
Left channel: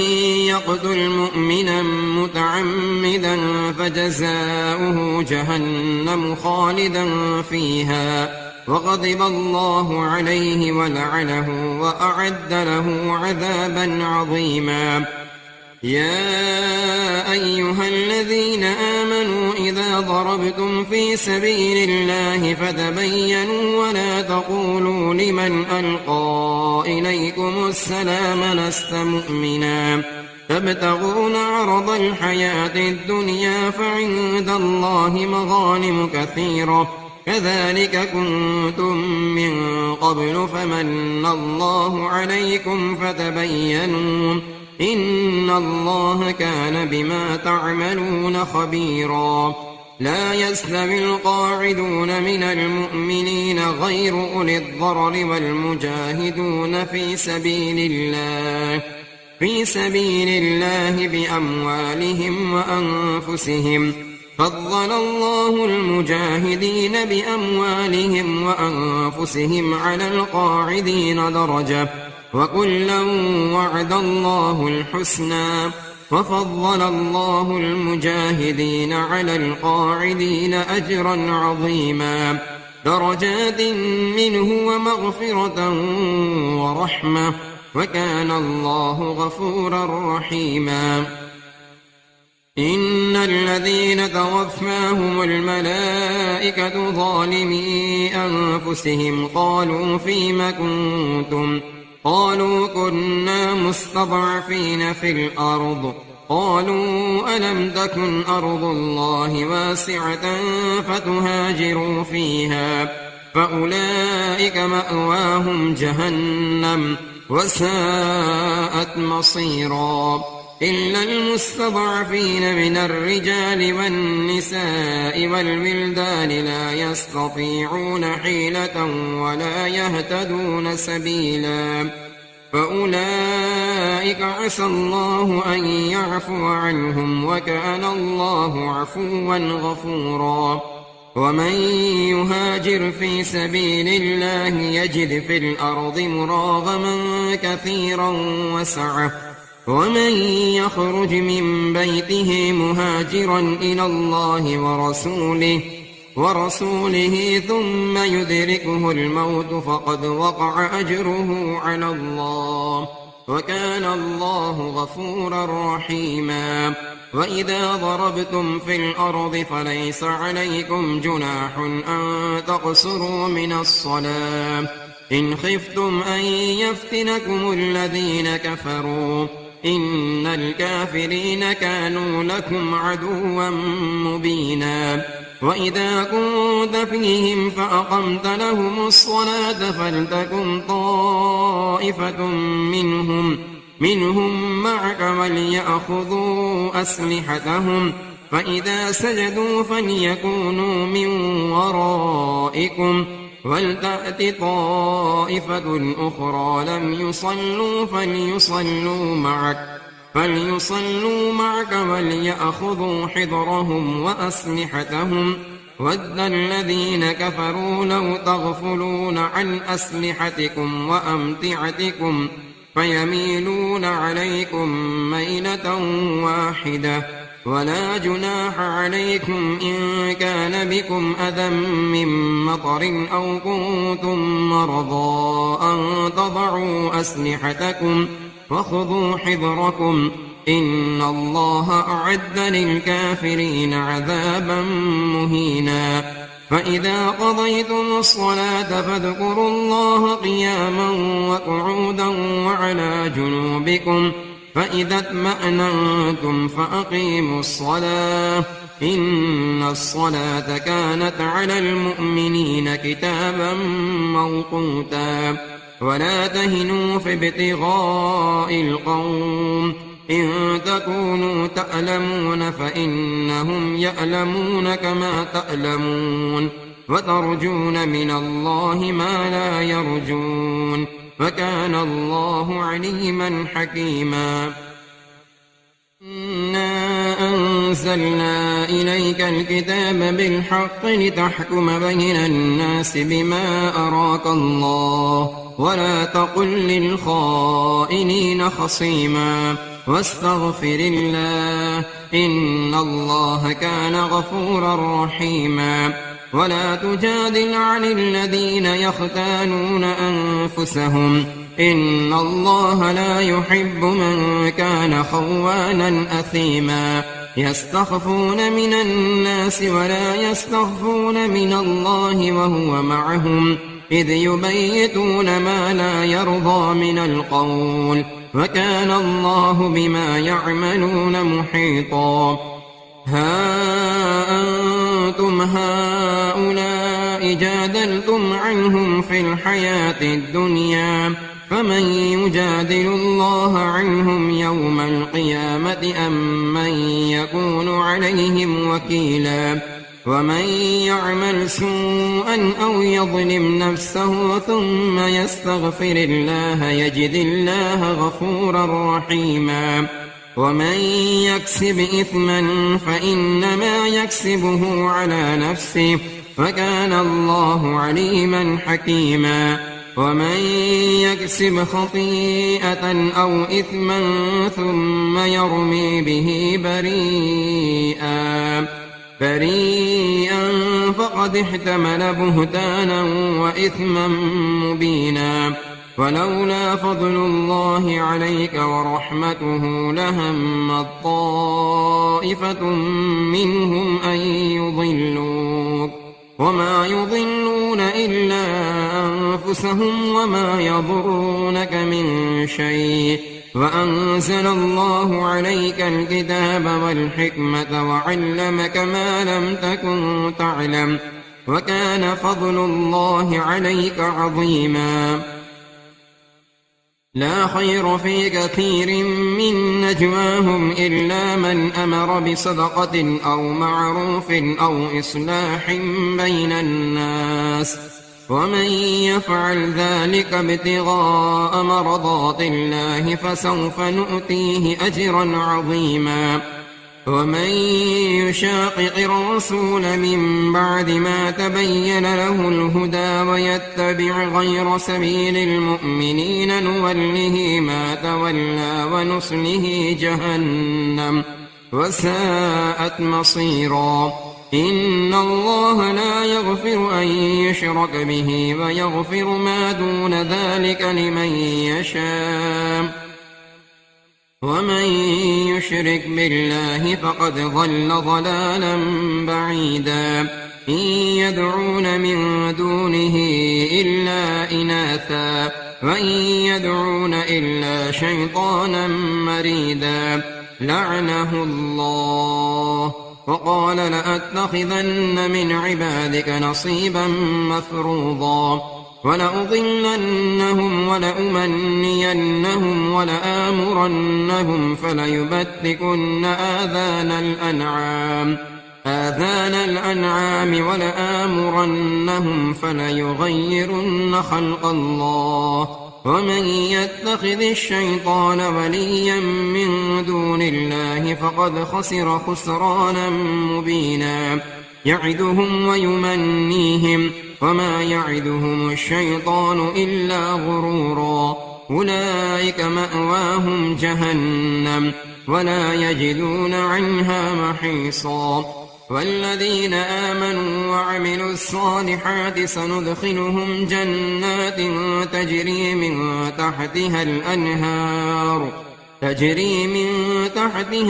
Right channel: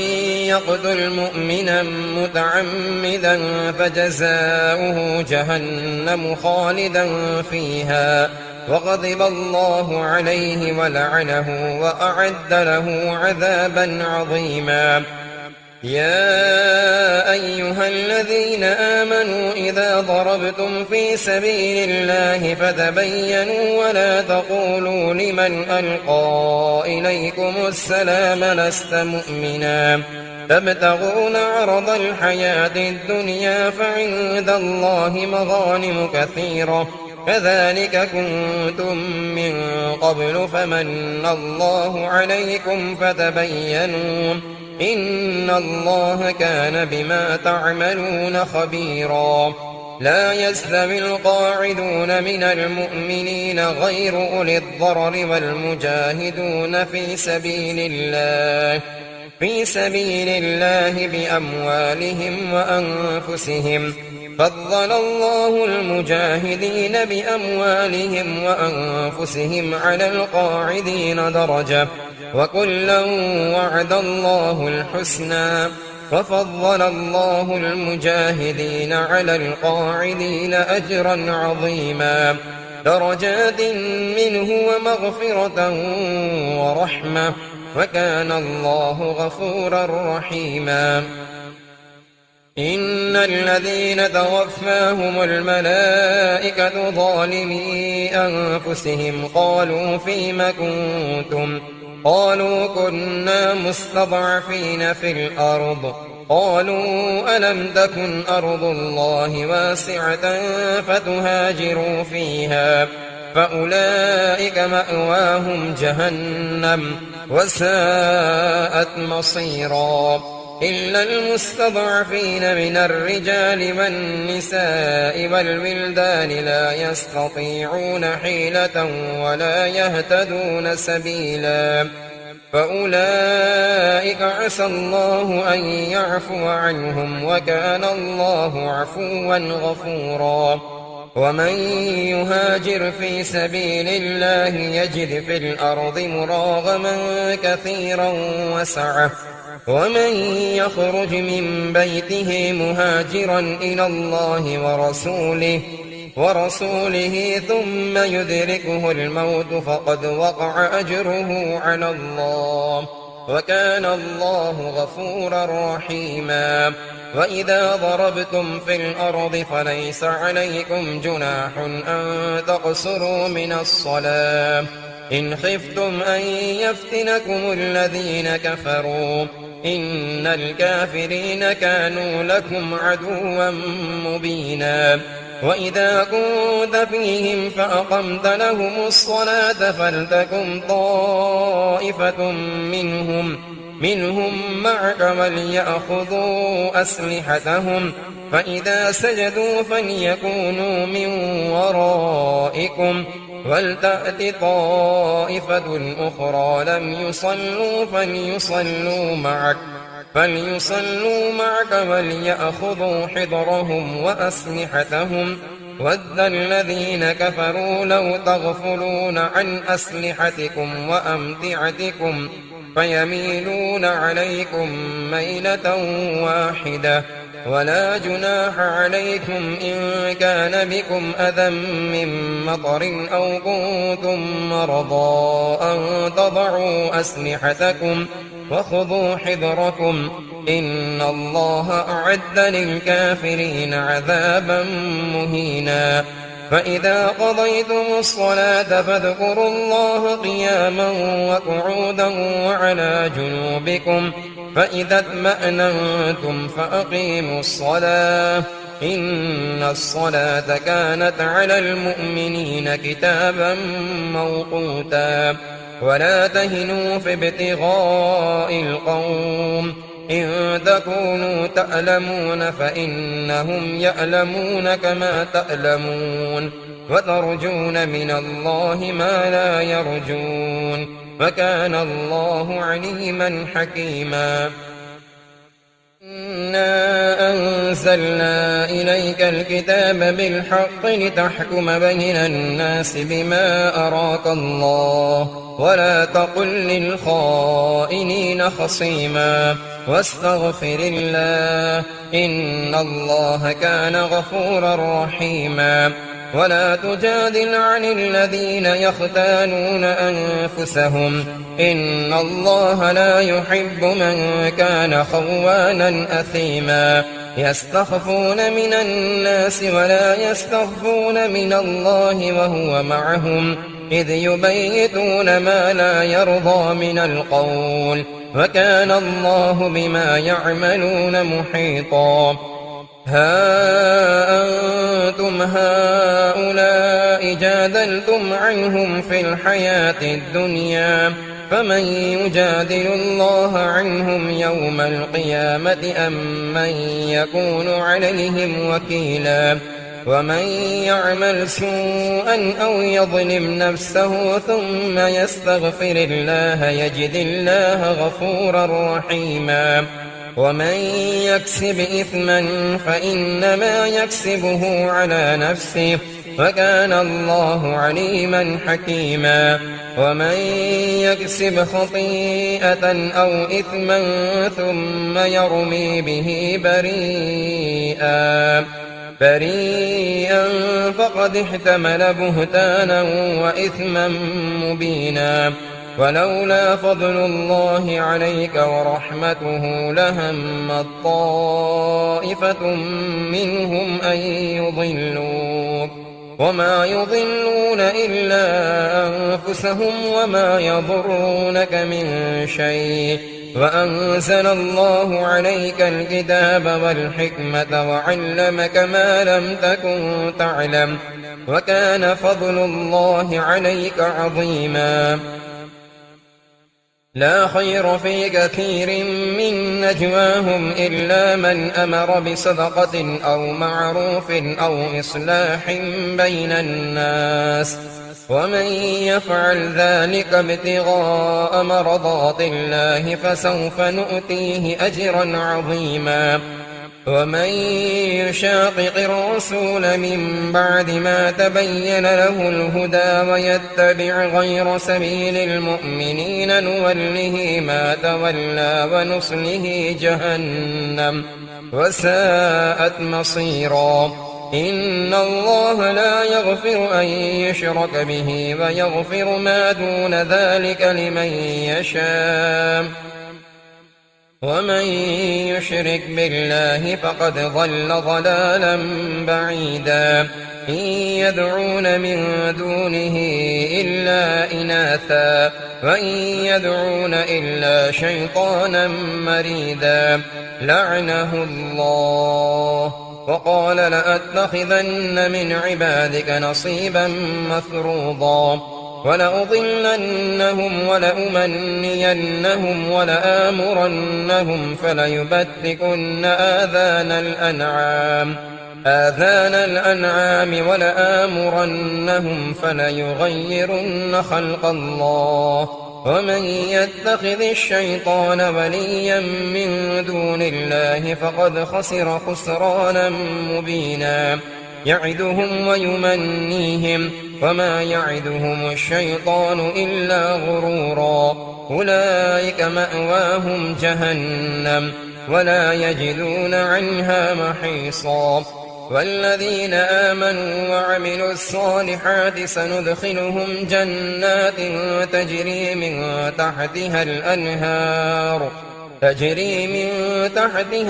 يقتل مؤمنا متعمدا فجزاؤه جهنم خالدا فيها وغضب الله عليه ولعنه وأعد له عذابا عظيما يا أيها الذين آمنوا إذا ضربتم في سبيل الله فتبينوا ولا تقولوا لمن ألقى إليكم السلام لست مؤمنا تبتغون عرض الحياة الدنيا فعند الله مغانم كثيرة كذلك كنتم من قبل فمن الله عليكم فتبينوا إن الله كان بما تعملون خبيرا لا يستوي القاعدون من المؤمنين غير أولي الضرر والمجاهدون في سبيل الله بأموالهم وأنفسهم فضل الله المجاهدين بأموالهم وأنفسهم على القاعدين درجة وكلا وعد الله الحسنى وفضل الله المجاهدين على القاعدين أجرا عظيما درجات منه ومغفرة ورحمة وكان الله غفورا رحيما إن الذين توفاهم الملائكة ظالمي أنفسهم قالوا فيم كنتم قالوا كنا مستضعفين في الأرض قالوا ألم تكن أرض الله واسعة فتهاجروا فيها فأولئك مأواهم جهنم وساءت مصيرا إلا المستضعفين من الرجال والنساء والولدان لا يستطيعون حيلة ولا يهتدون سبيلا فأولئك عسى الله أن يعفو عنهم وكان الله عفوا غفورا ومن يهاجر في سبيل الله يجد في الأرض مراغما كثيرا وسعة ومن يخرج من بيته مهاجرا إلى الله ورسوله ثم يدركه الموت فقد وقع أجره على الله وكان الله غفورا رحيما وإذا ضربتم في الأرض فليس عليكم جناح أن تقصروا من الصلاة إن خفتم أن يفتنكم الذين كفروا إن الكافرين كانوا لكم عدوا مبينا وإذا كنت فيهم فأقمت لهم الصلاة فلتكن طائفة منهم معك وليأخذوا أسلحتهم فإذا سجدوا فليكونوا من ورائكم ولتأت طائفة أخرى لم يصلوا فليصلوا معك وليأخذوا حذرهم وأسلحتهم ود الذين كفروا لو تغفلون عن أسلحتكم وأمتعتكم فيميلون عليكم ميلة واحدة ولا جناح عليكم إن كان بكم أذى من مطر أو كنتم مرضى أن تضعوا أسلحتكم وخذوا حذركم إن الله أعد للكافرين عذابا مهينا فإذا قضيتم الصلاة فاذكروا الله قياما وقعودا وعلى جنوبكم فإذا اطمأننتم فأقيموا الصلاة إن الصلاة كانت على المؤمنين كتابا موقوتا ولا تهنوا في ابتغاء القوم إن تكونوا تألمون فإنهم يألمون كما تألمون وترجون من الله ما لا يرجون وكان الله عليما حكيما إنا أنزلنا إليك الكتاب بالحق لتحكم بين الناس بما أراك الله ولا تقل للخائنين خصيما واستغفر الله إن الله كان غفورا رحيما ولا تجادل عن الذين يختانون أنفسهم إن الله لا يحب من كان خوانا أثيما يستخفون من الناس ولا يستخفون من الله وهو معهم إذ يبيتون ما لا يرضى من القول وكان الله بما يعملون محيطا ها أنتم هؤلاء جادلتم عنهم في الحياة الدنيا فمن يجادل الله عنهم يوم القيامة أم من يكون عليهم وكيلا ومن يعمل سوءا أو يظلم نفسه ثم يستغفر الله يجد الله غفورا رحيما ومن يكسب إثما فإنما يكسبه على نفسه وكان الله عليما حكيما ومن يكسب خطيئة أو إثما ثم يرمي به بريئا فقد احتمل بهتانا وإثما مبينا ولولا فضل الله عليك ورحمته لهمت طائفة منهم أن يضلوك وما يضلون إلا أنفسهم وما يضرونك من شيء وأنزل الله عليك الكتاب والحكمة وعلمك ما لم تكن تعلم وكان فضل الله عليك عظيما لا خير في كثير من نجواهم إلا من أمر بصدقة أو معروف أو إصلاح بين الناس ومن يفعل ذلك ابتغاء مرضات الله فسوف نؤتيه أجرا عظيما ومن يشاقق الرسول من بعد ما تبين له الهدى ويتبع غير سبيل المؤمنين نوله ما تولى ونصله جهنم وساءت مصيرا إن الله لا يغفر أن يشرك به ويغفر ما دون ذلك لمن يشاء ومن يشرك بالله فقد ضل ضلالا بعيدا إن يدعون من دونه إلا إناثا وإن يدعون إلا شيطانا مريدا لعنه الله وقال لأتخذن من عبادك نصيبا مفروضا ولأضلنهم ولأمنينهم ولآمرنهم فليبتكن آذان الأنعام ولآمرنهم فليغيرن خلق الله ومن يتخذ الشيطان وليا من دون الله فقد خسر خسرانا مبينا يعدهم ويمنيهم وما يعدهم الشيطان إلا غرورا أولئك مأواهم جهنم ولا يجدون عنها محيصا والذين آمنوا وعملوا الصالحات سندخلهم جنات تجري من تحتها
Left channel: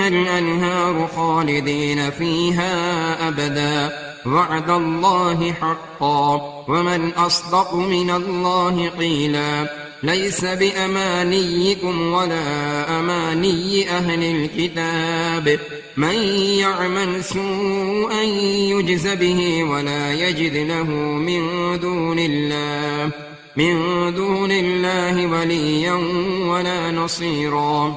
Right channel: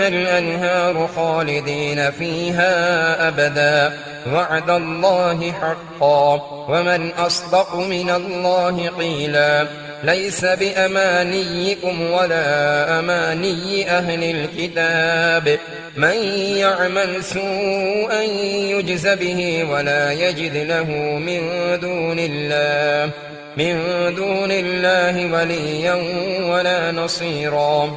الأنهار خالدين فيها أبدا وعد الله حقا ومن أصدق من الله قيلا ليس بأمانيكم ولا أماني أهل الكتاب من يعمل سوءا يجز به ولا يجد له من دون الله وليا ولا نصيرا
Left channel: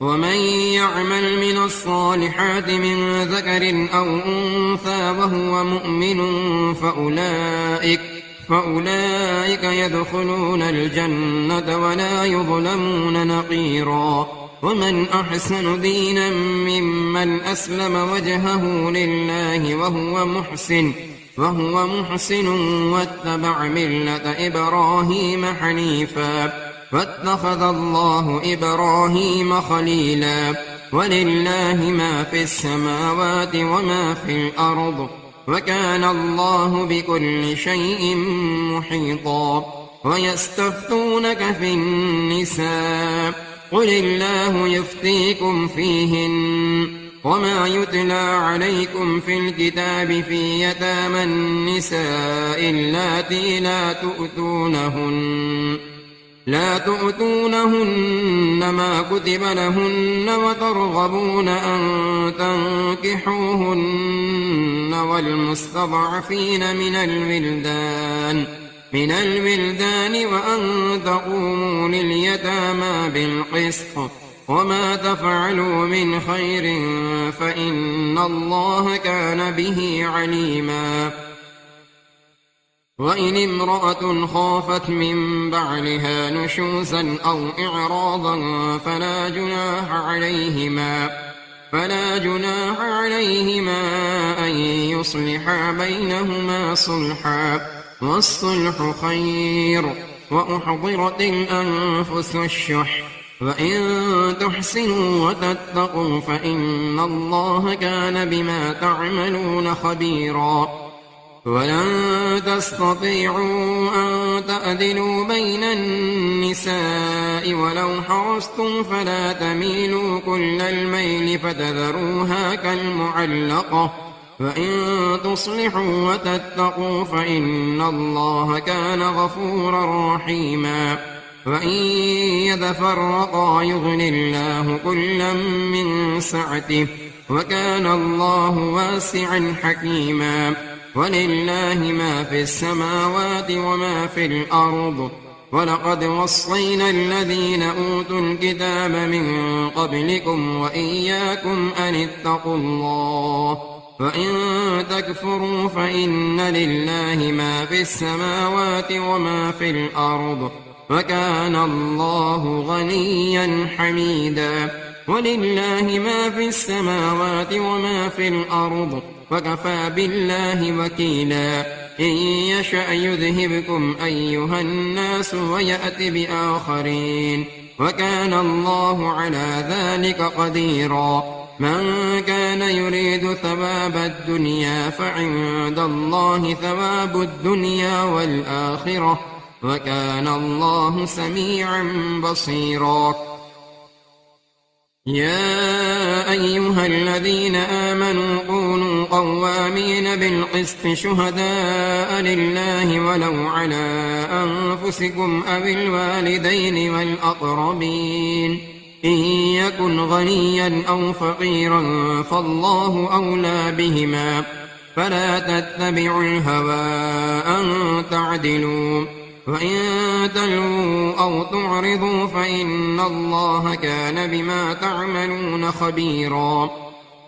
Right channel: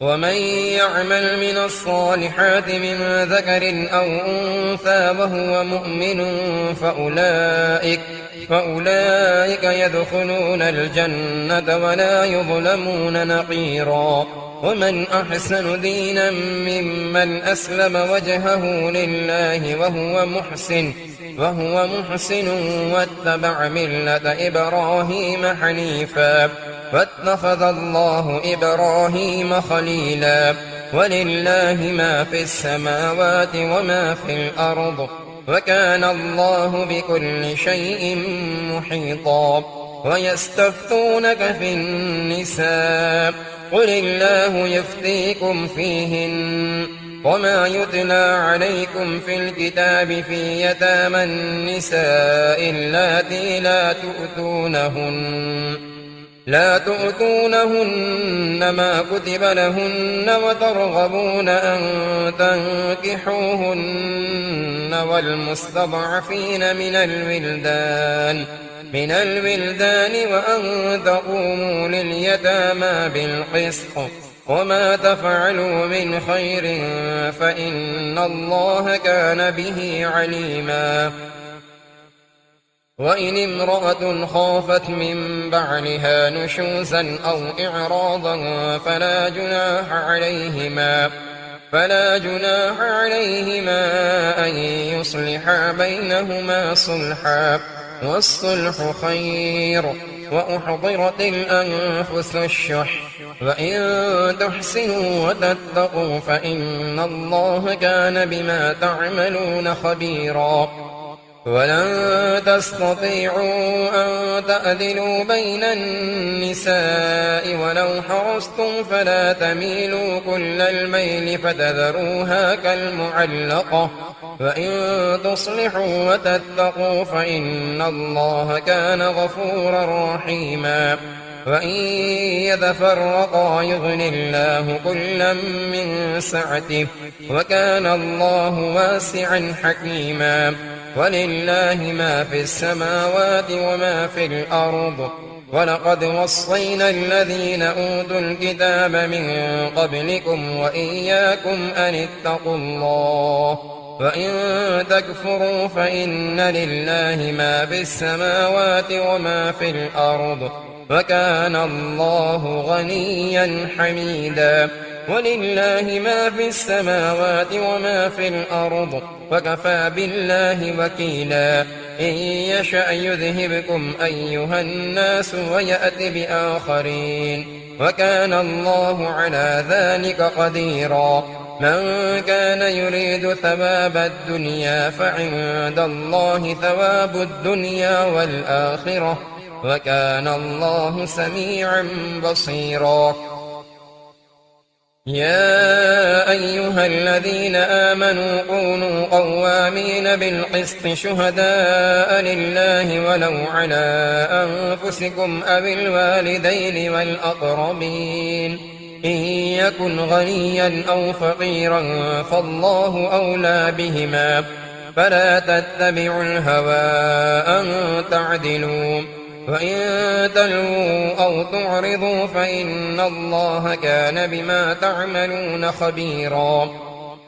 ومن يعمل من الصالحات من ذكر أو أنثى وهو مؤمن فأولئك يدخلون الجنة ولا يظلمون نقيرا ومن أحسن دينا ممن أسلم وجهه لله وهو محسن واتبع ملة إبراهيم حنيفا واتخذ الله إبراهيم خليلا ولله ما في السماوات وما في الأرض وكان الله بكل شيء محيطا ويستفتونك في النساء قل الله يفتيكم فيهن وما يتلى عليكم في الكتاب في يتامى النساء اللاتي لا تؤتونهن ما كتب لهن وترغبون أن تنكحوهن والمستضعفين من الولدان وأن تقوموا لليتامى بالقسط وما تفعلوا من خير فإن الله كان به عليما وإن امرأة خافت من بعلها نشوزا أو إعراضا فلا جناح عليهما أن يصلحا بينهما صلحا والصلح خير وأحضرت الأنفس الشح وإن تحسنوا وتتقوا فإن الله كان بما تعملون خبيرا ولن تستطيعوا أن تعدلوا بين النساء ولو حرصتم فلا تميلوا كل الميل فتذروها وإن تصلحوا وتتقوا فإن الله كان غفورا رحيما وإن يتفرقا يغن الله كلا من سعته وكان الله واسعا حكيما ولله ما في السماوات وما في الأرض ولقد وصينا الذين أوتوا الكتاب من قبلكم وإياكم أن اتقوا الله وإن تكفروا فإن لله ما في السماوات وما في الأرض وكان الله غنيا حميدا ولله ما في السماوات وما في الأرض وكفى بالله وكيلا إن يشأ يذهبكم أيها الناس ويأت بآخرين وكان الله على ذلك قديرا من كان يريد ثواب الدنيا فعند الله ثواب الدنيا والآخرة وكان الله سميعا بصيرا يا أيها الذين آمنوا كونوا قوامين بالقسط شهداء لله ولو على أنفسكم أو الوالدين والأقربين إن يكن غنيا أو فقيرا فالله أولى بهما فلا تتبعوا الهوى أن تعدلوا وإن تلووا أو تعرضوا فإن الله كان بما تعملون خبيرا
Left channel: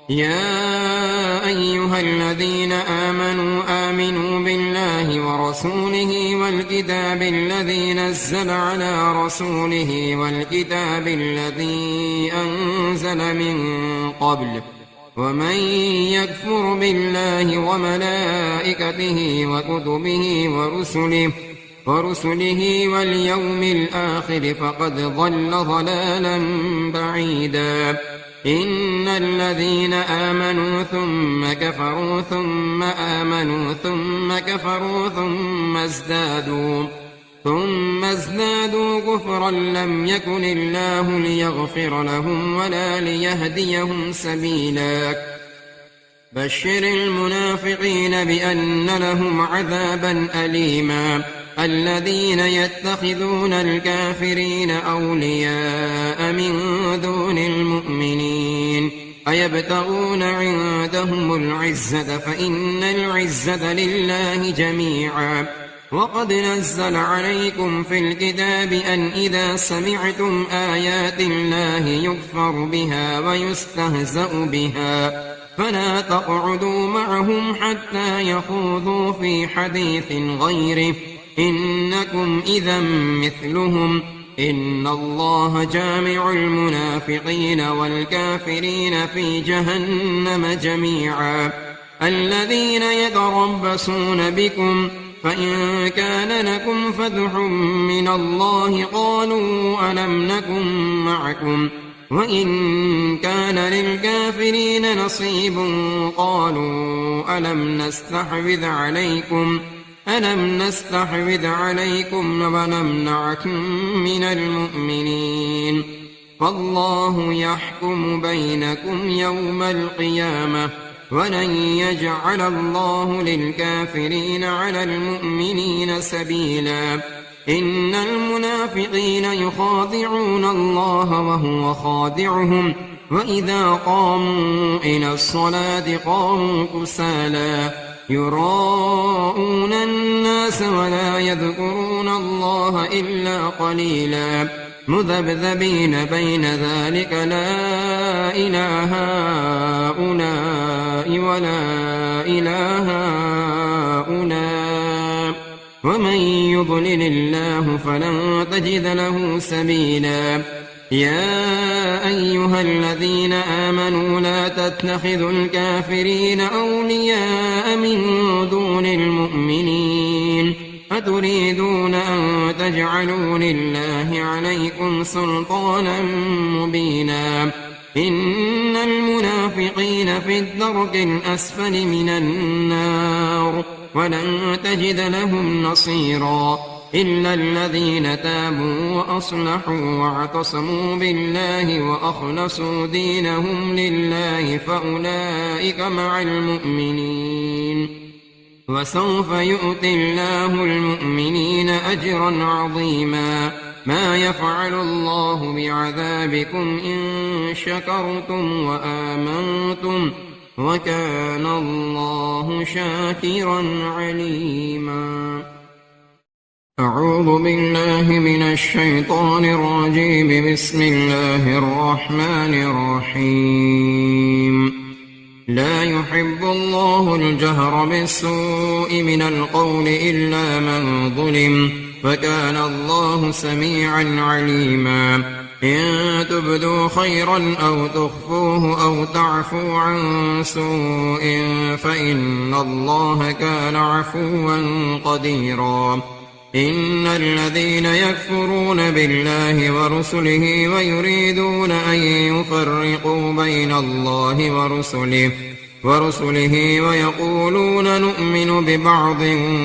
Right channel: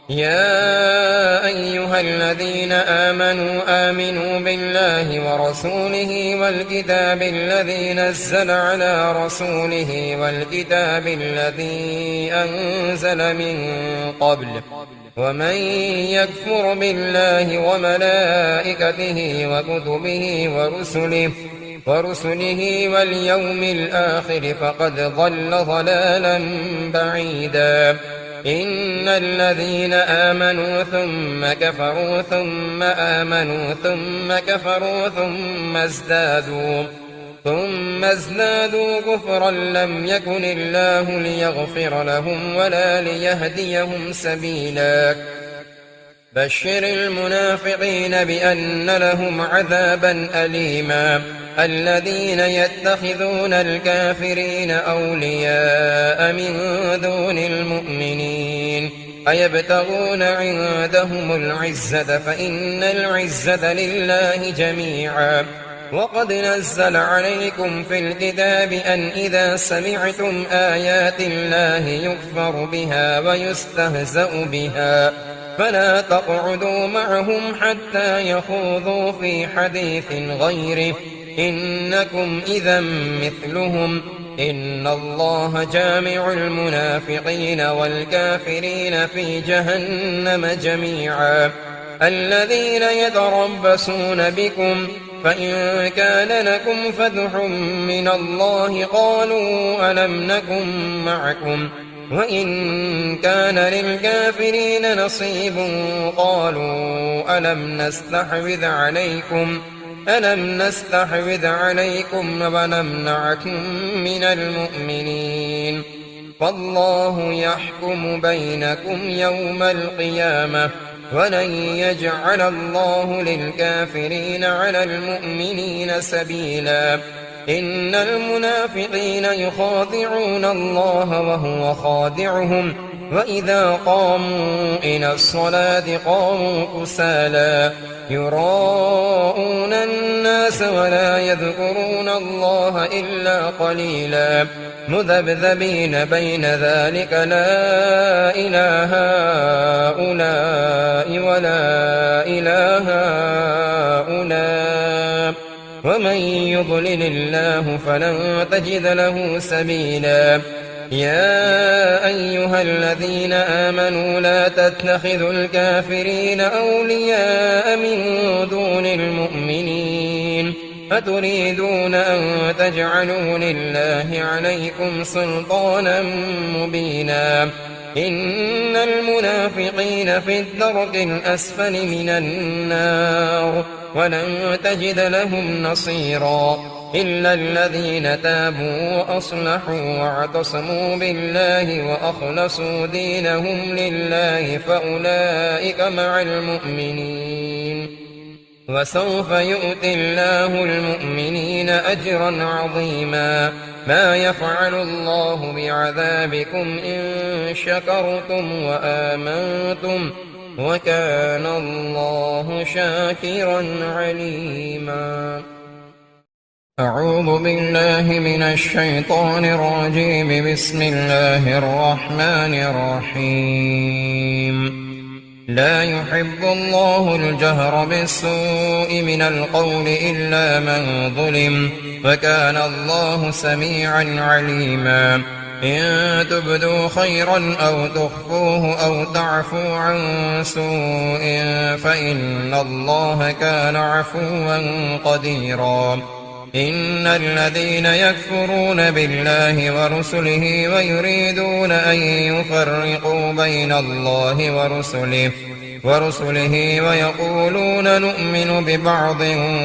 يا أيها الذين آمنوا بالله ورسوله والكتاب الذي نزل على رسوله والكتاب الذي أنزل من قبل ومن يكفر بالله وملائكته وكتبه ورسله واليوم الآخر فقد ضل ضلالا بعيدا إن الذين آمنوا ثم كفروا ثم آمنوا ثم كفروا ثم ازدادوا كفرا لم يكن الله ليغفر لهم ولا ليهديهم سبيلا بشر المنافقين بأن لهم عذابا أليما الذين يتخذون الكافرين أولياء من دون المؤمنين أيبتغون عندهم العزة فإن العزة لله جميعا وقد نزل عليكم في الكتاب أن إذا سمعتم آيات الله يكفر بها ويستهزأ بها فلا تقعدوا معهم حتى يخوضوا في حديث غيره إنكم إذا مثلهم إن الله جامع المنافقين والكافرين في جهنم جميعا الذين يتربصون بكم فإن كان لكم فتح من الله قالوا ألم نكن معكم وإن كان للكافرين نصيب قالوا ألم نستحوذ عليكم ونمنعكم من المؤمنين فالله يحكم بينكم يوم القيامة ولن يجعل الله للكافرين على المؤمنين سبيلا إن المنافقين يخادعون الله وهو خادعهم وإذا قاموا إلى الصلاة قاموا كسالى يراءون الناس ولا يذكرون الله إلا قليلا مذبذبين بين ذلك لا إله هؤلاء ولا إله هؤلاء ومن يضلل الله فلن تجد له سبيلا يا أيها الذين آمنوا لا تتخذوا الكافرين أولياء من دون المؤمنين أتريدون أن تجعلوا لله عليكم سلطانا مبينا إن المنافقين في الدرك الأسفل من النار ولن تجد لهم نصيرا إلا الذين تابوا وأصلحوا واعتصموا بالله وأخلصوا دينهم لله فأولئك مع المؤمنين وسوف يؤتي الله المؤمنين أجرا عظيما ما يفعل الله بعذابكم إن شكرتم وآمنتم وكان الله شاكرا عليما. أعوذ بالله من الشيطان الرجيم. بسم الله الرحمن الرحيم. لا يحب الله الجهر بالسوء من القول إلا من ظلم وكان الله سميعا عليما. إن تبدوا خيرا أو تخفوه أو تعفوا عن سوء فإن الله كان عفوا قديرا. إن الذين يكفرون بالله ورسله ويريدون أن يفرقوا بين الله ورسله ويقولون نؤمن ببعض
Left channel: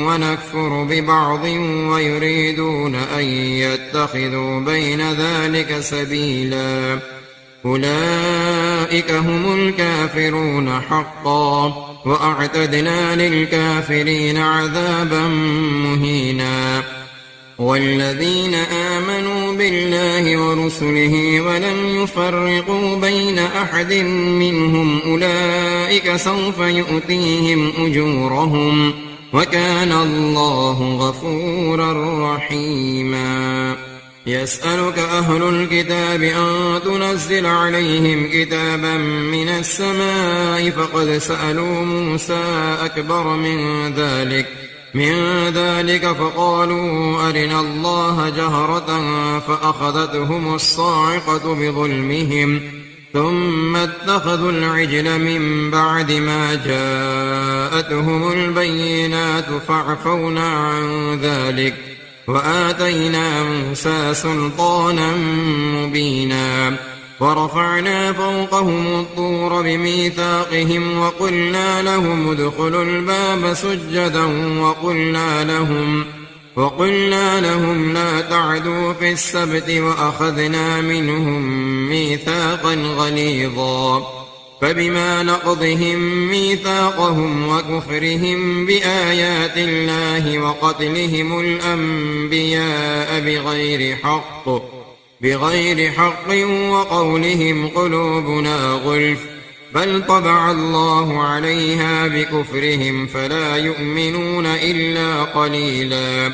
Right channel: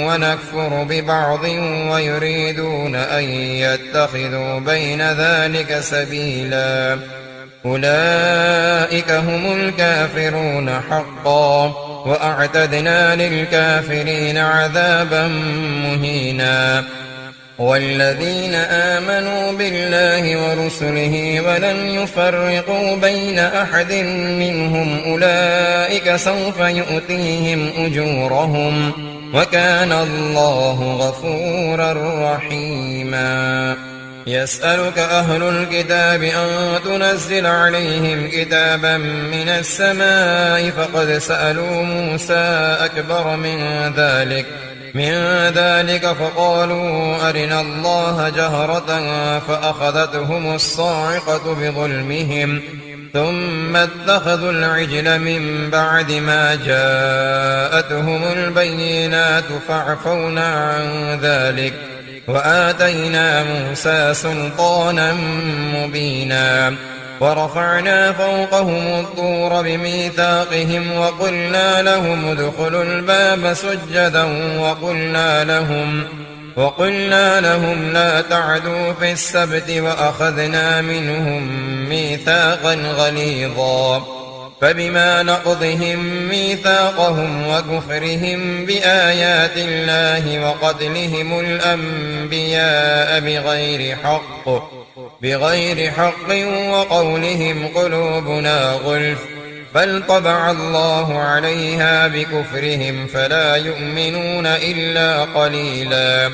ونكفر ببعض ويريدون أن يتخذوا بين ذلك سبيلا أولئك هم الكافرون حقا وأعتدنا للكافرين عذابا مهينا. والذين آمنوا بالله ورسله ولم يفرقوا بين أحد منهم أولئك سوف يؤتيهم أجورهم وكان الله غفورا رحيما. يسألك أهل الكتاب أن تنزل عليهم كتابا من السماء فقد سألوا موسى أكبر من ذلك فقالوا أرنا الله جهرة فأخذتهم الصاعقة بظلمهم ثم اتخذوا العجل من بعد ما جاءتهم البينات فاعفونا عن ذلك وآتينا موسى سلطانا مبينا. ورفعنا فوقهم الطور بميثاقهم وقلنا لهم ادخلوا الباب سجدا وقلنا لهم لا تعدوا في السبت وأخذنا منهم ميثاقا غليظا. فبما نقضهم ميثاقهم وكفرهم بآيات الله وقتلهم الأنبياء بغير حق وقولهم قلوبنا غلف بل طبع الله عليها بكفرهم فلا يؤمنون إلا قليلا.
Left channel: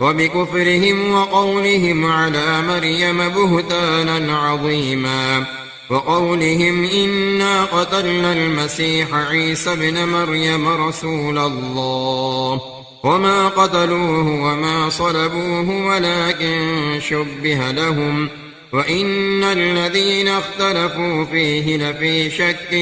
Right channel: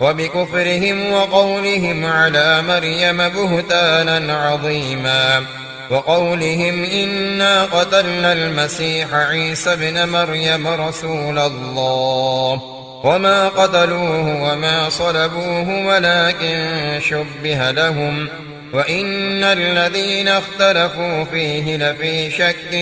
وبكفرهم وقولهم على مريم بهتانا عظيما وقولهم إنا قتلنا المسيح عيسى ابن مريم رسول الله وما قتلوه وما صلبوه ولكن شبه لهم وإن الذين اختلفوا فيه لفي شك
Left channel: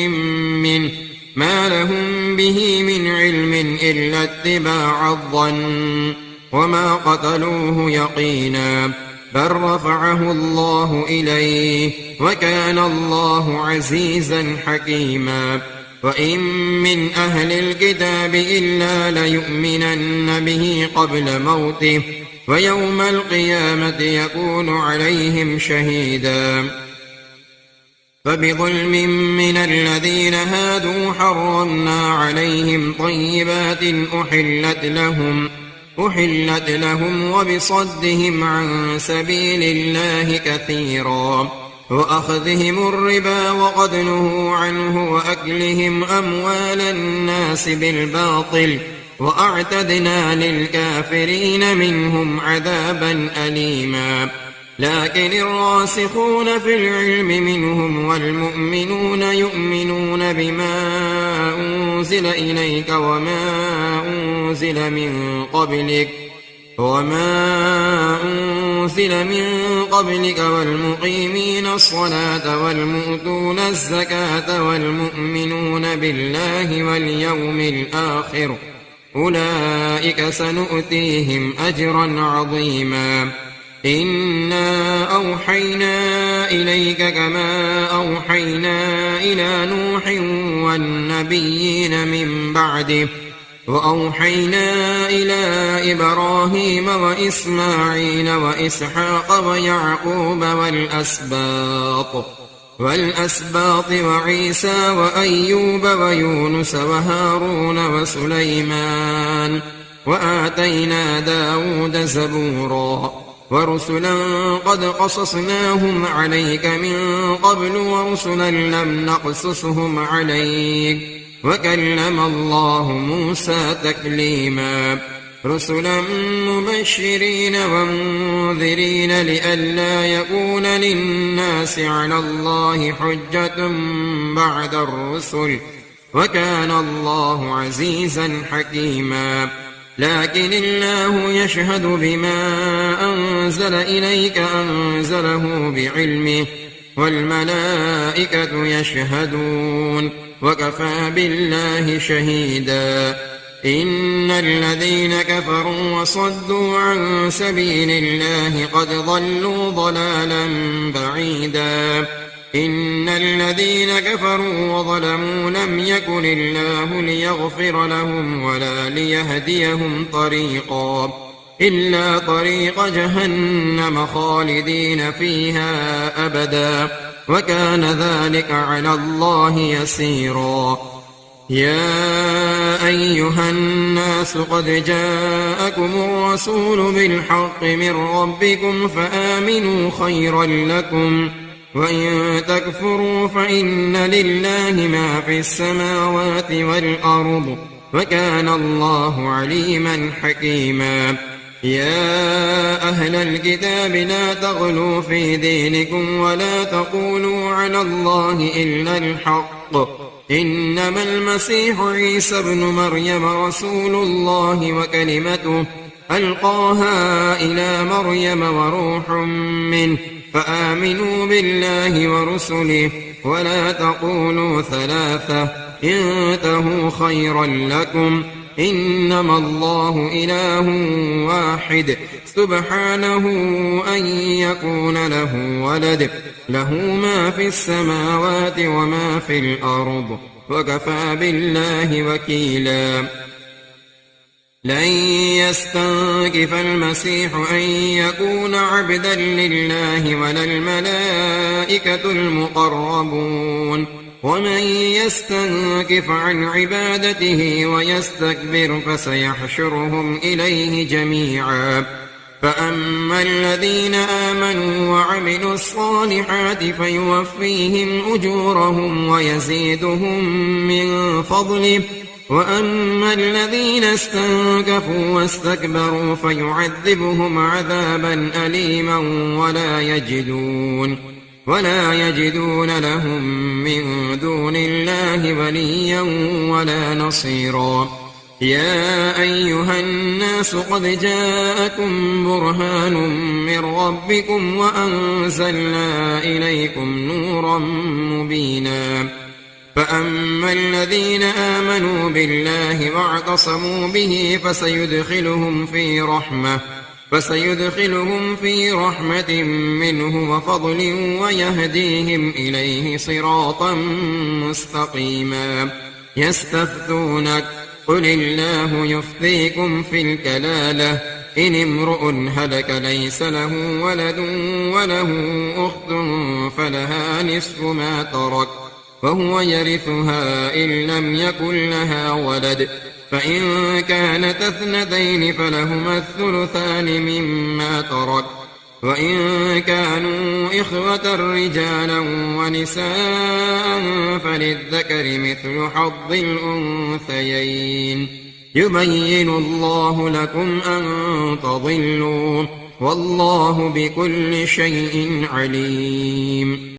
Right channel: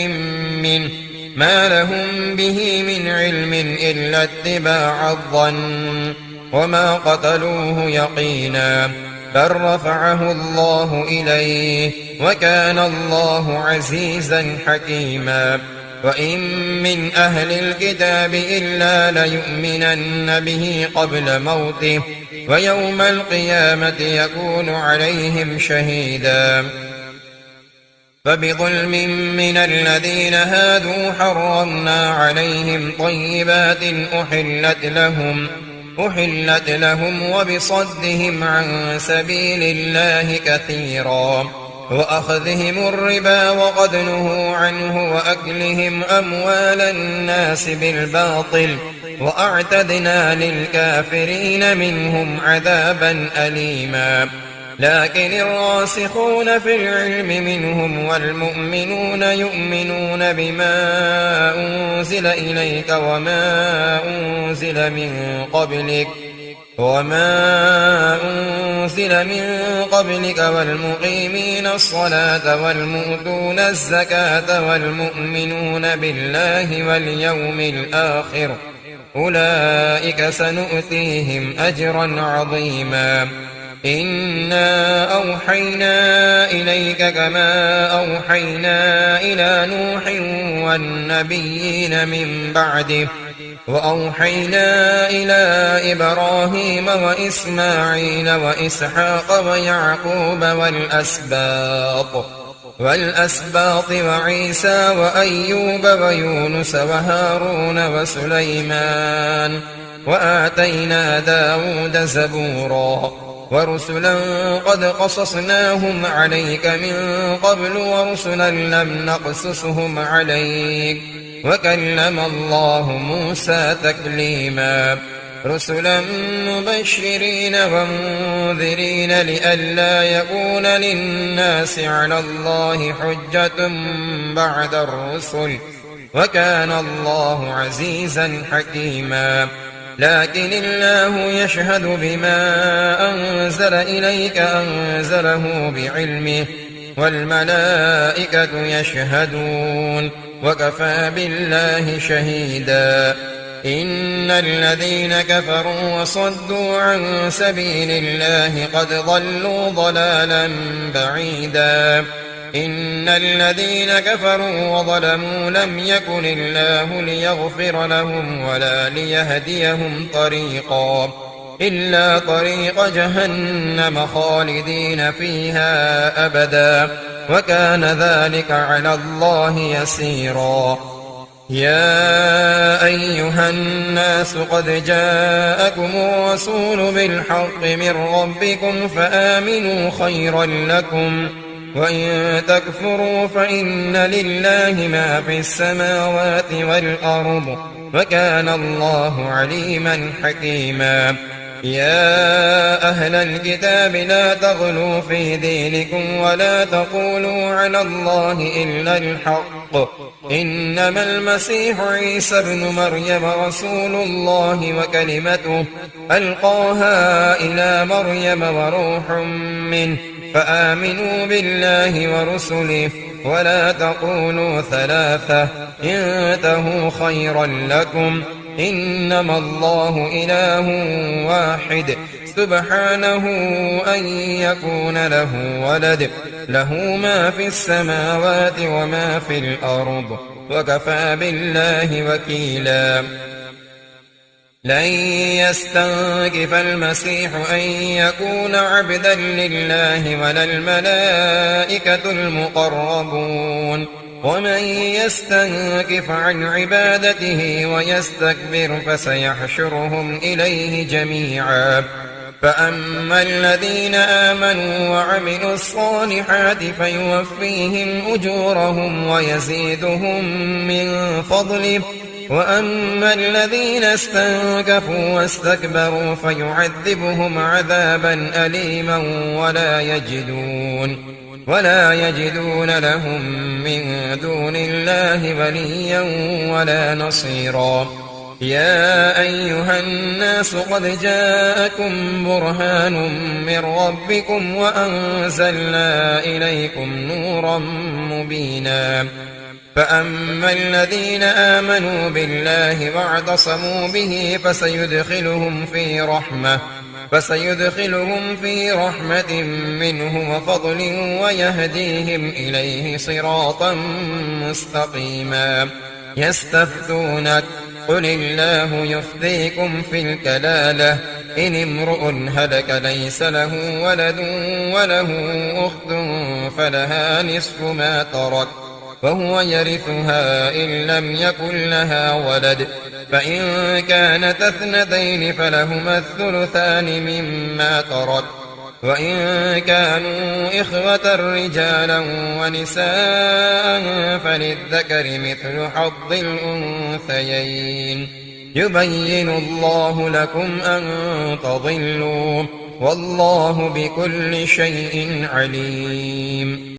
منه ما لهم به من علم إلا اتباع الظن وما قتلوه يقينا بل رفعه الله إليه وكان الله عزيزا حكيما. وإن من أهل الكتاب إلا ليؤمنن به قبل موته ويوم القيامة يكون عليهم شهيدا. فبظلم من الذين هادوا حرمنا عليهم طيبات أحلت لهم وبصدهم عن سبيل الله كثيرا وأخذهم الربا وقد نهوا عنه وأكلهم أموال الناس بالباطل وأعتدنا للكافرين منهم عذابا أليما. لكن الراسخون في العلم منهم والمؤمنون يؤمنون بما أنزل إليك وما أنزل من قبلك والمقيمين الصلاة والمؤتون الزكاة والمؤمنون بالله واليوم الآخر أولئك سنؤتيهم أجرا عظيما. إنا أوحينا إليك كما أوحينا إلى نوح والنبيين من بعده وأوحينا إلى إبراهيم وإسماعيل وإسحاق ويعقوب والأسباط وعيسى وأيوب ويونس وهارون وسليمان وآتينا داود زبورا ورسلا قد قصصناهم عليك من قبل ورسلا لم نقصصهم عليك وكلم الله موسى تكليما رسلا مبشرين ومنذرين لئلا يكون للناس على الله حجة بعد الرسل وكان الله عزيزا حكيما لكن الله يشهد بما أنزل إليك أنزله بعلمه والملائكة يشهدون وكفى بالله شهيدا إن الذين كفروا وصدوا عن سبيل الله قد ضلوا ضلالا بعيدا إن الذين كفروا وظلموا لم يكن الله ليغفر لهم ولا ليهديهم طريقا إلا طريق جهنم خالدين فيها أبدا وكان ذلك على الله يسيرا يا أيها الناس قد جاءكم الرسول بالحق من ربكم فآمنوا خيرا لكم وإن تكفروا فإن لله ما في السماوات والأرض وكان الله عليما حكيما يا أهل الكتاب لا تغلوا في دينكم ولا تقولوا على الله إلا الحق إنما المسيح عيسى ابن مريم رسول الله وكلمته ألقاها إلى مريم وروح منه فآمنوا بالله ورسله ولا تقولوا ثلاثة انتهوا خيرا لكم إنما الله إله واحد سبحانه أن يكون له ولد له ما في السماوات وما في الأرض وكفى بالله وكيلا لن يستنكف المسيح أن يكون عبدا لله ولا الملائكة المقربون ومن يستنكف عن عبادته ويستكبر فسيحشرهم إليه جميعا فأما الذين آمنوا وعملوا الصالحات فيوفيهم أجورهم ويزيدهم من فضله وأما الذين استنكفوا واستكبروا فيعذبهم عذابا أليما ولا يجدون لهم من دون الله وليا ولا نصيرا يا أيها الناس قد جاءكم برهان من ربكم وأنزلنا إليكم نورا مبينا فأما الذين آمنوا بالله واعتصموا به فسيدخلهم في رحمة منه وفضل ويهديهم إليه صراطا مستقيما يستفتونك قل الله يفتيكم في الكلالة إن امرؤ هلك ليس له ولد وله أخت فلها نصف ما ترك وهو يرثها إن لم يكن لها ولد فإن كانت اثنتين فلهما الثلثان مما ترك وإن كانوا إخوة رجالا ونساء فللذكر مثل حظ الأنثيين يبين الله لكم أن تضلوا والله بكل شيء عليم